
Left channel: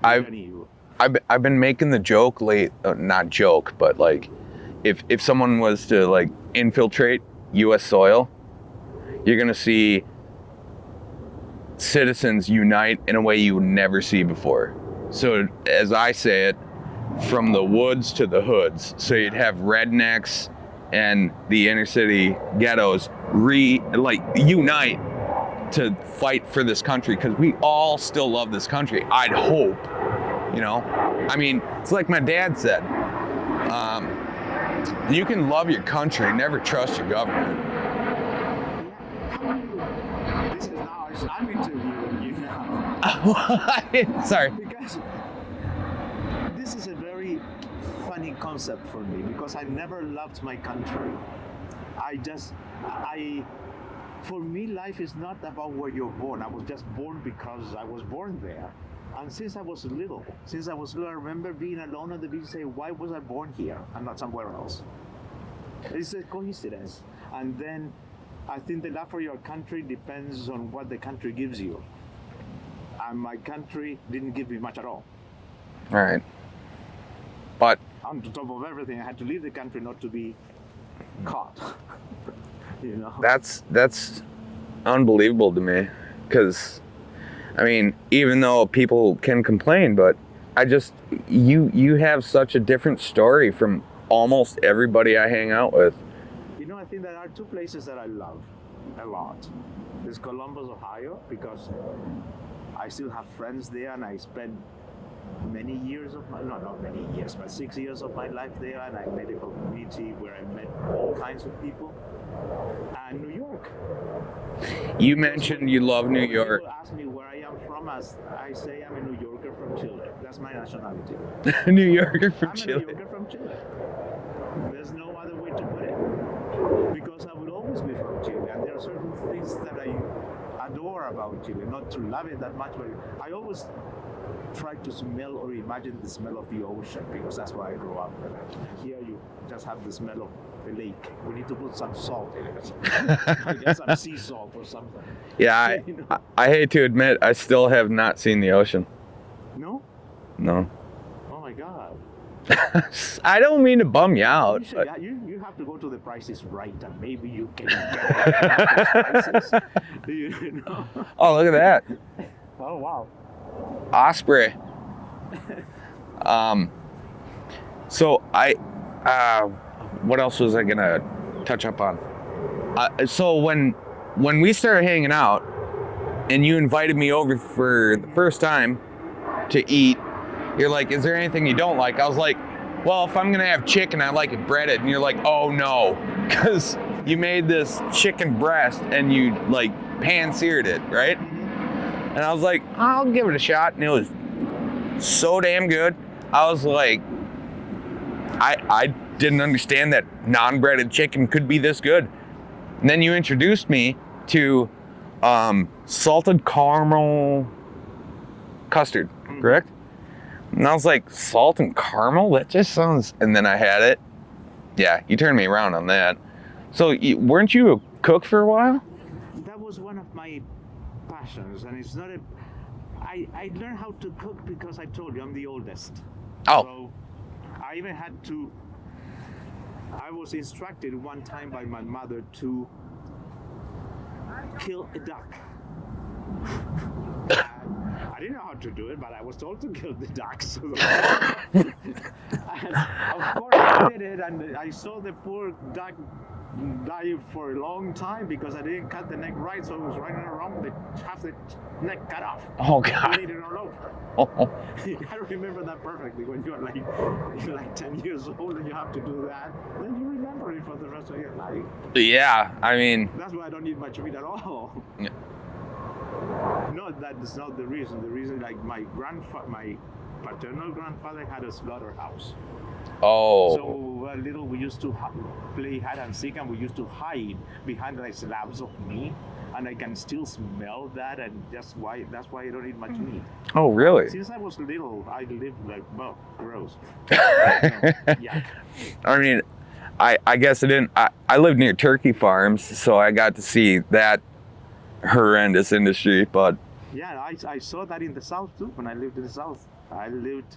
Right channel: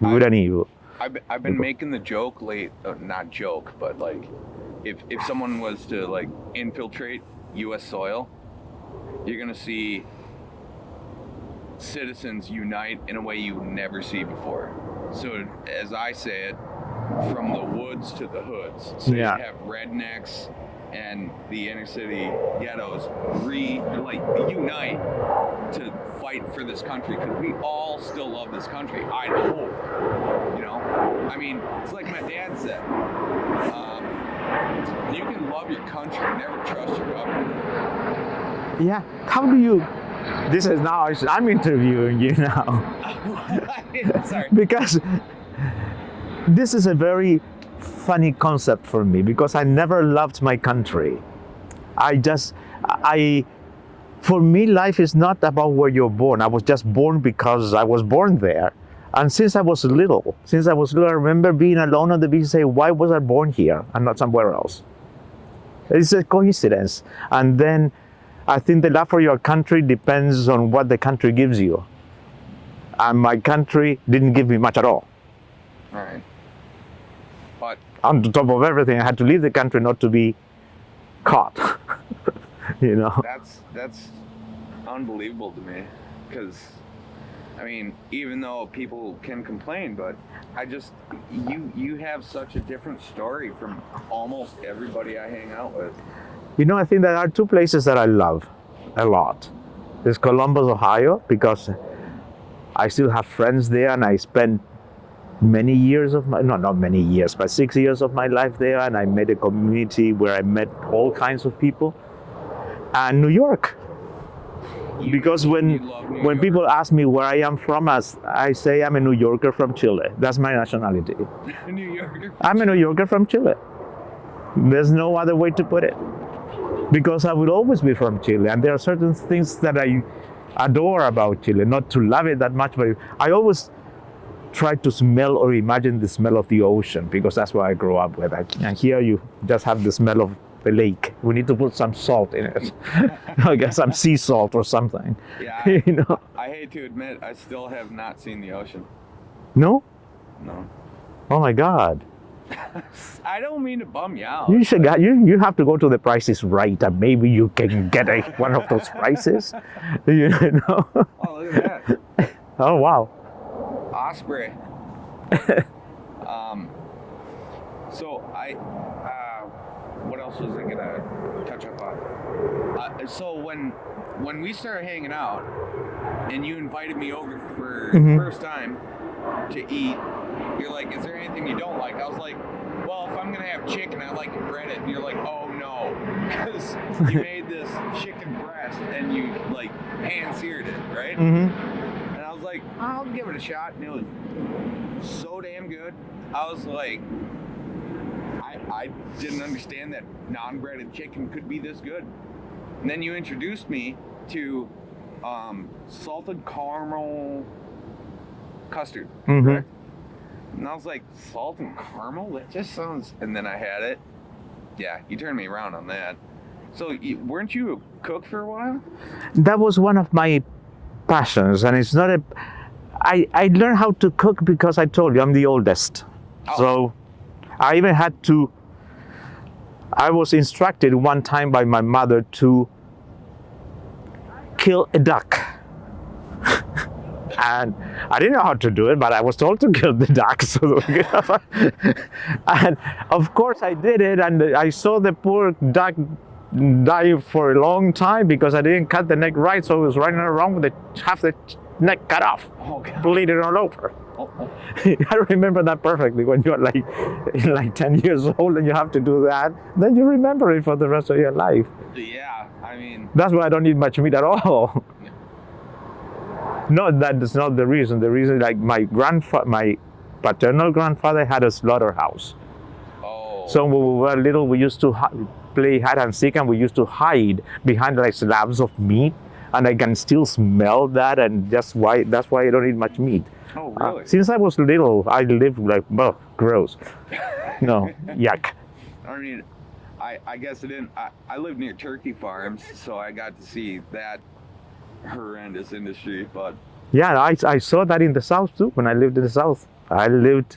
good and evil. I've been making the joke not joke, but like, if someone was to like infiltrate U.S. soil, you're gonna see citizens unite in a way you would never see before. So as I say it, from the woods to the hoods. So you'd have rednecks and the inner city ghettos unite to fight for this country because we all still love this country. I'd hope, I mean, it's like my dad said, you can love your country, never trust your government. Yeah, how do you, this is now, I'm interviewing you now. Sorry. Because this is a very funny concept for me because I never loved my country. For me, life is not about where you're born. I was just born because I was born there. And since I was little, I remember being alone on the beach and saying, why was I born here and not somewhere else? It's a coincidence. And then I think the love for your country depends on what the country gives you. And my country didn't give me much at all. All right. But on top of everything, I had to leave the country not to be caught. That's unbelievable to me, because I mean, even though people can complain, but you have such a different story from almost everybody I hang out with. I think there are two places that I love a lot. There's Columbus, Ohio, because I still have friends there, and I spent many years of not many years, but 6 years of my life there, and I made a community where I met all kinds of people. And New York. You love New York. When people ask me where I am from, I say I'm a New Yorker from Chile. That's my nationality. New Yorker from I'm Chile. a New Yorker from Chile. There's no other way to put it. Because I will always be from Chile, and there are certain things that I adore about Chile. Not to love it that much, but I always try to smell or imagine the smell of the ocean, because that's what I grew up with. And here you just have the smell of the lake. We need to put some salt in it. I guess some sea salt or something. Yeah, I hate to admit, I still have not seen the ocean. No? No. Oh my God. I don't mean to bum you out. You have to go to the Price is Right, and maybe you can get one of those prices. Oh, look at that. Oh wow. Osprey. So what else was I gonna touch up on? So when we started hanging out, and you invited me over for the first time to eat, you're like, "Is there anything you don't like?" I was like, "Well, if I'm gonna have chicken, I like it breaded." And you're like, "Oh no," because you made this chicken breast and you like pan-seared it, right? Mm-hmm. And I was like, "I'll give it a shot," and it was so damn good. I was like, I didn't understand that non-breaded chicken could be this good. And then you introduced me to salted caramel custard, correct? And I was like, salt and caramel? That just sounds... And then I had it. Yeah, you turned me around on that. So weren't you a cook for a while? That was one of my passions, and it's not I learned how to cook because I told you I'm the oldest. Oh. So I even had to... I was instructed one time by my mother to kill a duck. And I didn't know how to do it, but I was told to kill the duck. So and of course I did it, and I saw the poor duck die for a long time because I didn't cut the neck right, so it was running around with half the neck cut off. Oh God. Bleeding all over. I remember that perfectly. When you're like 10 years old and you have to do that, then you remember it for the rest of your life. Yeah, I mean. That's why I don't eat much meat at all. Yeah. No, that's not the reason. The reason, like my paternal grandfather had a slaughterhouse. Oh. So when we were little, we used to play hide and seek, and we used to hide behind like slabs of meat, and I can still smell that, and that's why I don't eat much meat. Oh, really? Since I was little, I lived like, well, gross. No, yuck. I mean, I guess I didn't. I lived near turkey farms, so I got to see that horrendous industry. But yeah, I saw that in the South too. When I lived in the South, I lived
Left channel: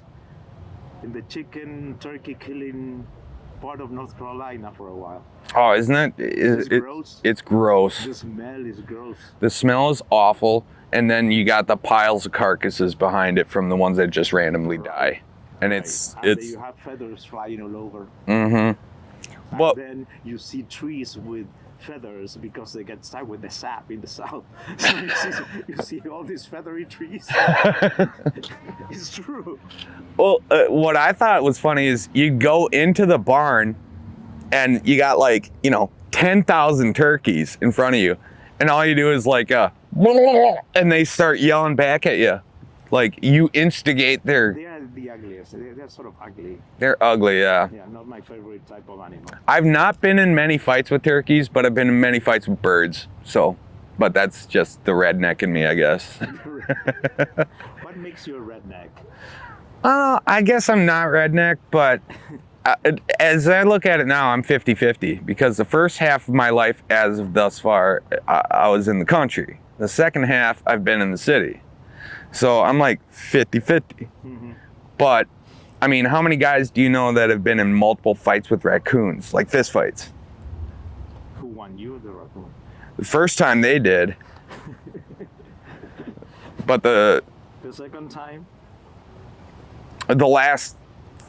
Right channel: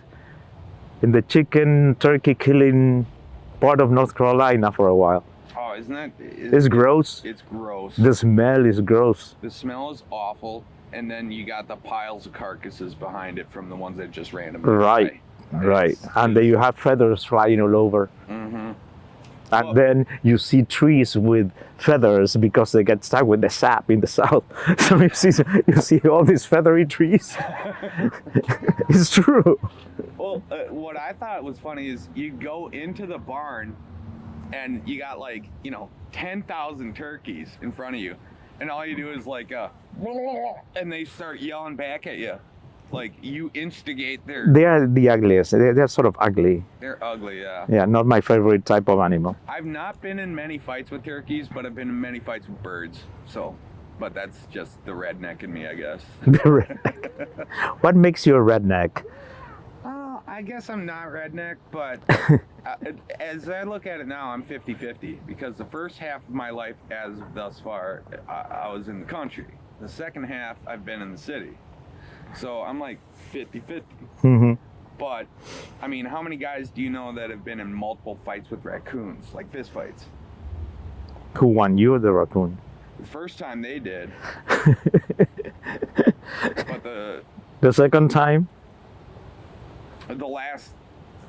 in the chicken turkey killing part of North Carolina for a while. oh, isn't it? It's gross. It's gross. The smell is gross. The smell is awful, and then you got the piles of carcasses behind it from the ones that just randomly die. And right. And then you have feathers flying all over. Mm-hmm. And Well- then you see trees with feathers because they get stuck with the sap in the South. So you see all these feathery trees. It's true. Well, what I thought was funny is you go into the barn, and you got 10,000 turkeys in front of you, and all you do is and they start yelling back at you. Like, you instigate their... They are the ugliest. They're sort of ugly. They're ugly, yeah. Yeah, not my favorite type of animal. I've not been in many fights with turkeys, but I've been in many fights with birds. So, but that's just the redneck in me, I guess. What makes you a redneck? I guess I'm not redneck, but as I look at it now, I'm 50-50, because the first half of my life as of thus far, I was in the country. The second half, I've been in the city. So I'm like 50-50. Mm-hmm. But, I mean, how many guys do you know that have been in multiple fights with raccoons, like fist fights? Who won, you or the raccoon? The first time they did. But the second time? The last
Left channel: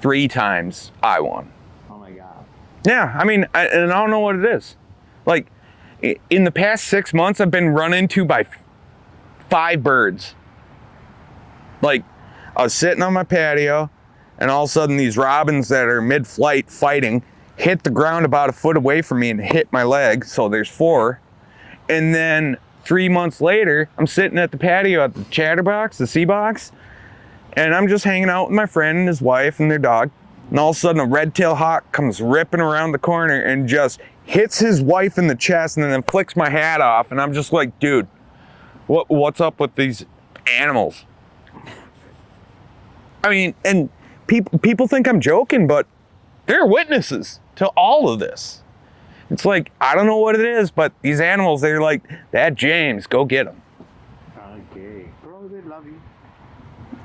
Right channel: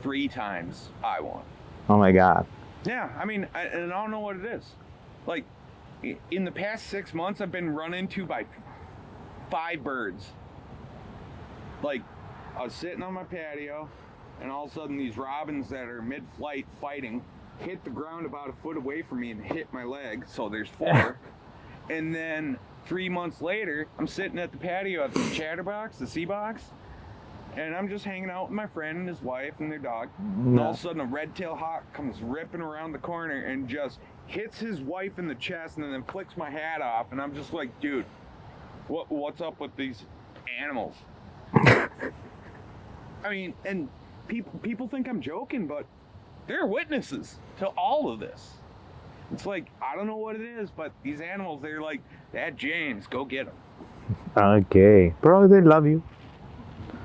3 times I won. Oh my God. Yeah, I mean, and I don't know what it is. Like, in the past 6 months, I've been run into by 5 birds. Like, I was sitting on my patio, and all of a sudden these robins that are mid-flight fighting hit the ground about a foot away from me and hit my leg, so there's 4. And then 3 months later, I'm sitting at the patio at the chatterbox, the sea box, and I'm just hanging out with my friend and his wife and their dog. And all of a sudden a red-tailed hawk comes ripping around the corner and just hits his wife in the chest and then flicks my hat off. And I'm just like, dude, what's up with these animals? I mean, and people think I'm joking, but they're witnesses to all of this. It's like, I don't know what it is, but these animals, they're like, Dad James, go get them. Okay. Probably they love you.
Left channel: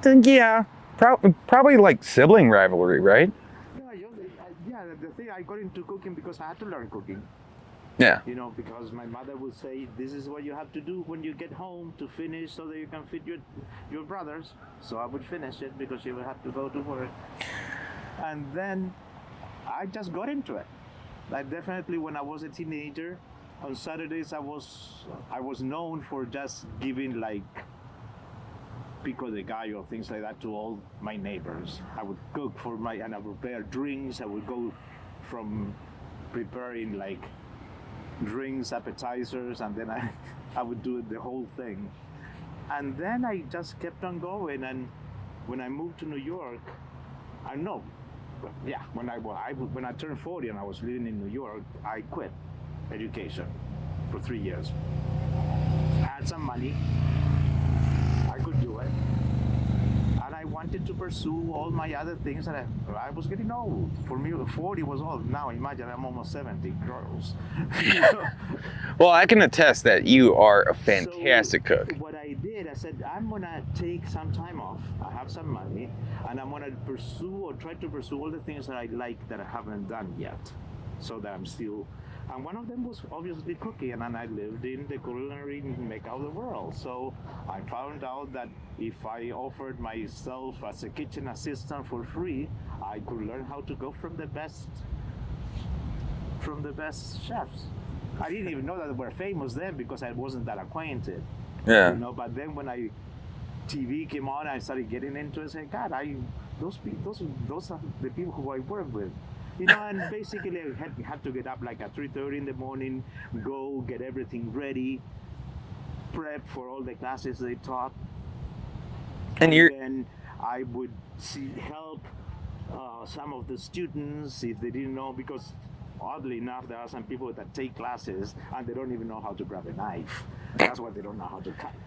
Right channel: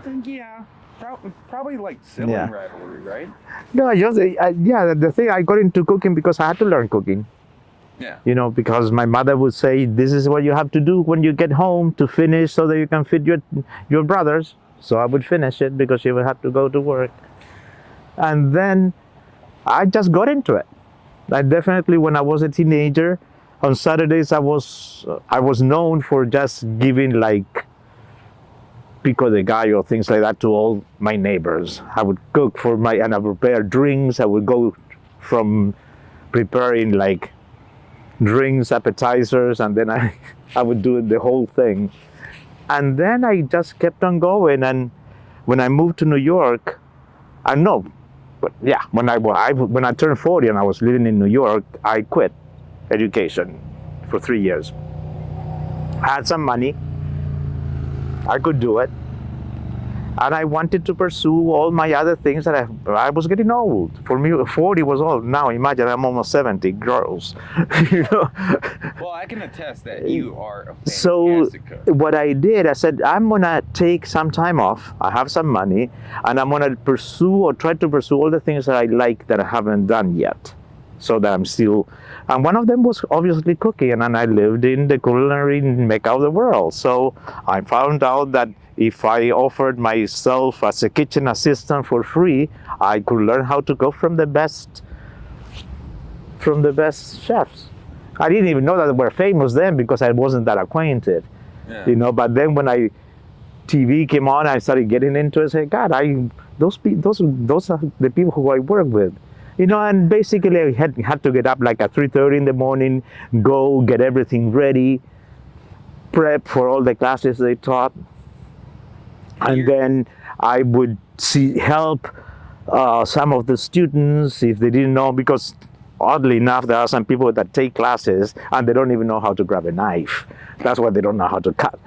Yeah, probably like sibling rivalry, right? No, the thing, I got into cooking because I had to learn cooking. Yeah. You know, because my mother would say, this is what you have to do when you get home to finish so that you can feed your brothers. So I would finish it because she would have to go to work. And then I just got into it. I definitely, when I was a teenager, on Saturdays I was known for just giving like pico de gallo, things like that, to all my neighbors. I would cook and I would prepare drinks. I would go from preparing like drinks, appetizers, and then I would do the whole thing. And then I just kept on going. And when I moved to New York, when I turned 40 and I was living in New York, I quit education for 3 years. I had some money. I could do it. And I wanted to pursue all my other things that I was getting old. For me, 40 was old. Now imagine I'm almost 70. Gross. You know? Well, I can attest that you are a fantastic cook. What I did, I said, I'm gonna take some time off. I have some money, and I'm gonna try to pursue all the things that I like that I haven't done yet, so that I'm still. And one of them was obviously cooking, and I lived in the culinary mecca of the world. So I found out that if I offered myself as a kitchen assistant for free, I could learn how to cook from the best chefs. I didn't even know that they were famous then because I wasn't that acquainted. Yeah. You know, but then when TV came on, I started getting into it. I said, God, those are the people who I work with. You know, and basically I had to get up like at 3:30 in the morning, go get everything ready, prep for all the classes they taught. And then I would help some of the students if they didn't know, because oddly enough, there are some people that take classes and they don't even know how to grab a knife. That's why they don't know how to cut.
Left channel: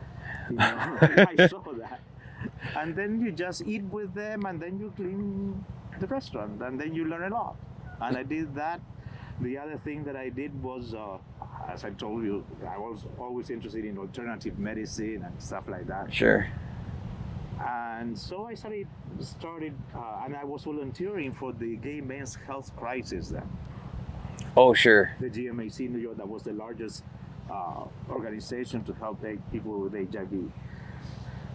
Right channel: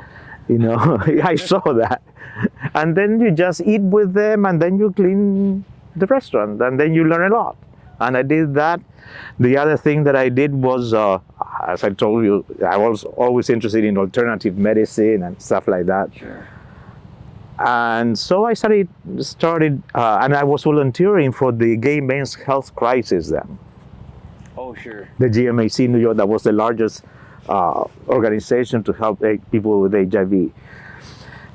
You know, I saw that. And then you just eat with them, and then you clean the restaurant, and then you learn a lot. And I did that. The other thing that I did was, as I told you, I was always interested in alternative medicine and stuff like that. Sure. And so I started, and I was volunteering for the Gay Men's Health Crisis then. Oh, sure. The GMAC in New York, that was the largest organization to help people with HIV.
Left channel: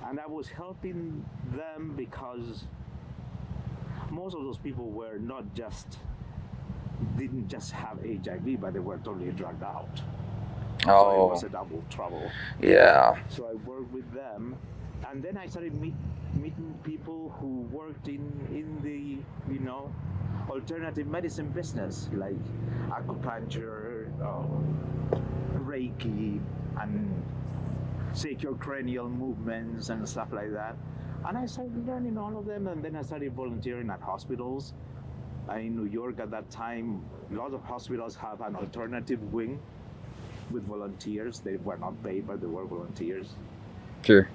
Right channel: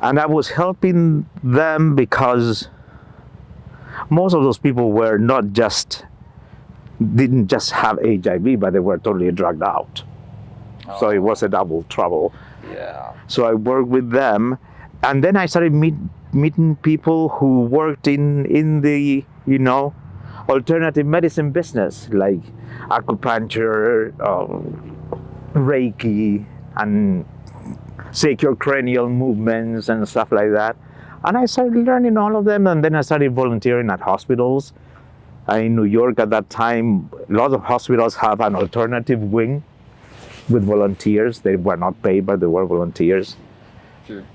And I was helping them because most of those people were didn't just have HIV, but they were totally drugged out. Oh. So it was a double trouble. Yeah. So I worked with them. And then I started meeting people who worked in the, you know, alternative medicine business, like acupuncture, Reiki, and secure cranial movements and stuff like that. And I started learning all of them, and then I started volunteering at hospitals. In New York at that time, a lot of hospitals have an alternative wing with volunteers. They were not paid, but they were volunteers. Sure.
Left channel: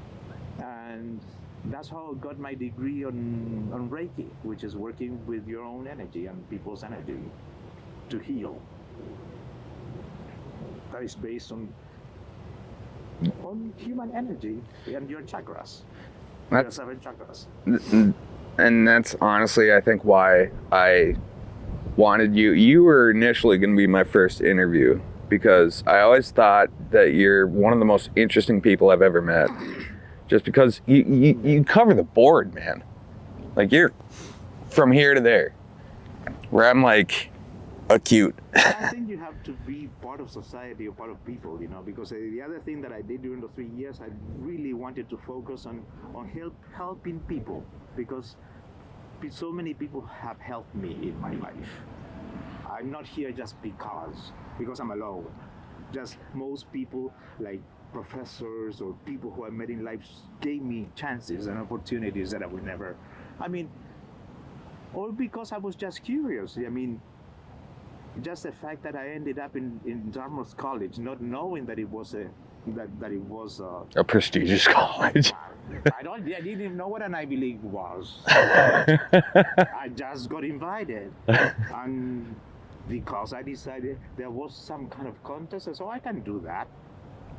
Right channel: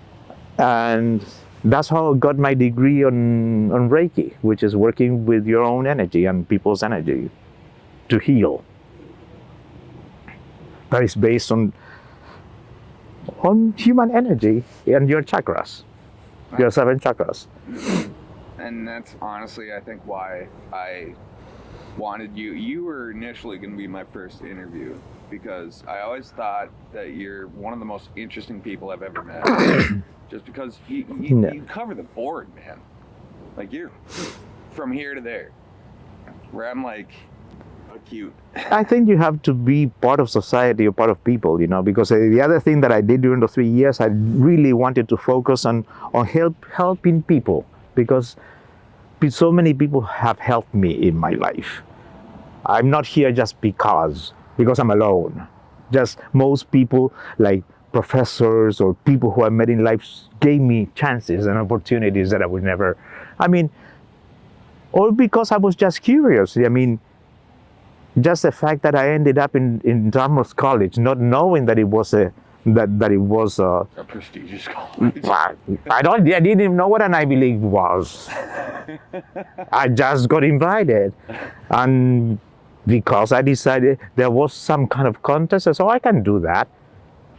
And that's how I got my degree on Reiki, which is working with your own energy and people's energy to heal. That is based on human energy and your chakras, your 7 chakras. And that's honestly, I think, why I wanted you. You were initially going to be my first interview, because I always thought that you're one of the most interesting people I've ever met. Just because you cover the board, man. Like, you're from here to there, where I'm like acute. I think you have to be part of society or part of people, you know, because the other thing that I did during the 3 years, I really wanted to focus on helping people, because so many people have helped me in my life. I'm not here just because I'm alone. Just most people, like professors or people who I met in life, gave me chances and opportunities that I would never, or because I was just curious. I mean, just the fact that I ended up in Dartmouth College, not knowing that it was a prestigious college. I didn't even know what an Ivy League was. I just got invited, and because I decided there was some kind of contest, so I can do that.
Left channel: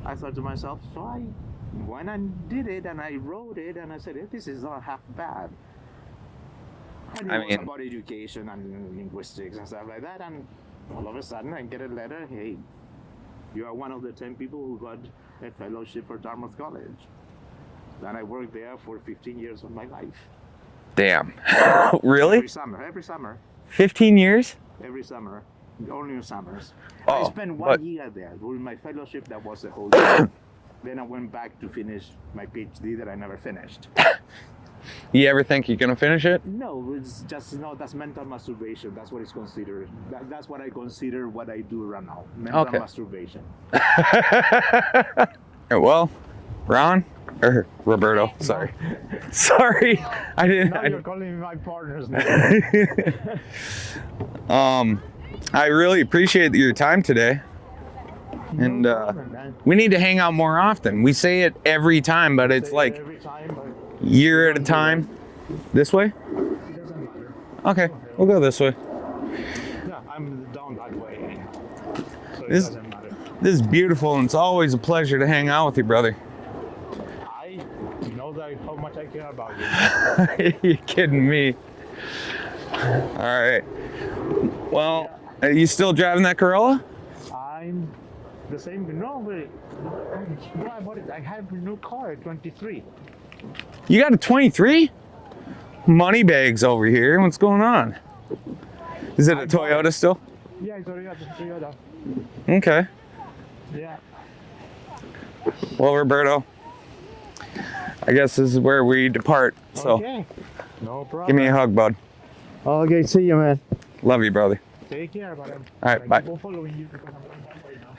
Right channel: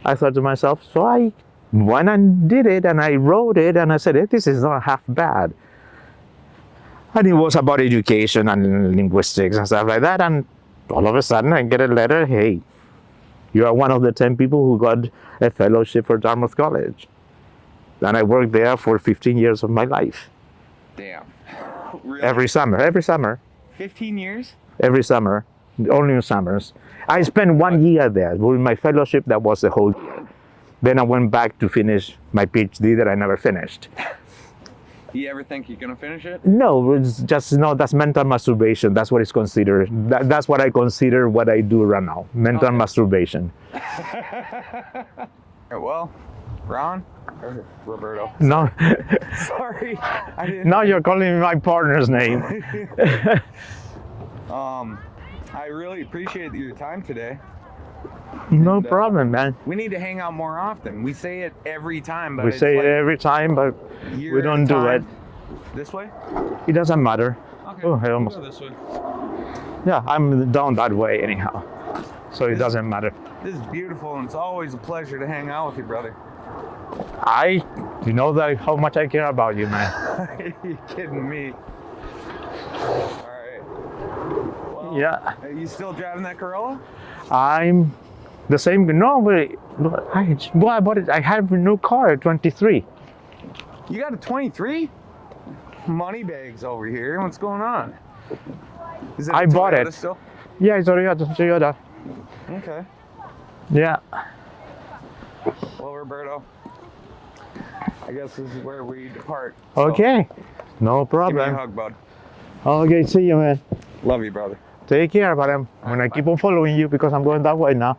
I thought to myself, so I went and did it, and I wrote it, and I said, this is not half bad. And it was about education and linguistics and stuff like that, and all of a sudden I get a letter, hey, you are one of the 10 people who got a fellowship for Dartmouth College. And I worked there for 15 years of my life. Damn. Really? Every summer. 15 years? Every summer, only in summers. I spent 1 year there. With my fellowship, that was the whole year. Then I went back to finish my PhD that I never finished. You ever think you're gonna finish it? No, it's just, that's mental masturbation. That's what it's considered. That's what I consider what I do right now. Mental masturbation. Well, Ron, or Roberto. Sorry. No. Sorry. I didn't. Now you're calling me my partner's name. I really appreciate your time today. No problem, man. We need to hang out more often. We say it every time, but it's like every time, but year at a time. This way? It doesn't matter. Okay, we'll go this way. Yeah, I'm down that way anyhow, so it doesn't matter. This is beautiful, and it's always a pleasure to hang out with you, brother. You know that how much I care about you, man. You're kidding me. All right. Well, are you still driving that Corolla? I'm the same. No, I bought it. I have a new car at 23. You got a 23? Money bags over here. What's going on? Is it a Toyota still? Yeah, it's a Toyota. Okay. Yeah. Well, Roberto, I guess this is where we depart. So Okay, no problem. give me a hug, bud. Okay, see you, man. Love you, brother. Take care, but I'm All right, gonna bye. keep on following you because I'm going that way now.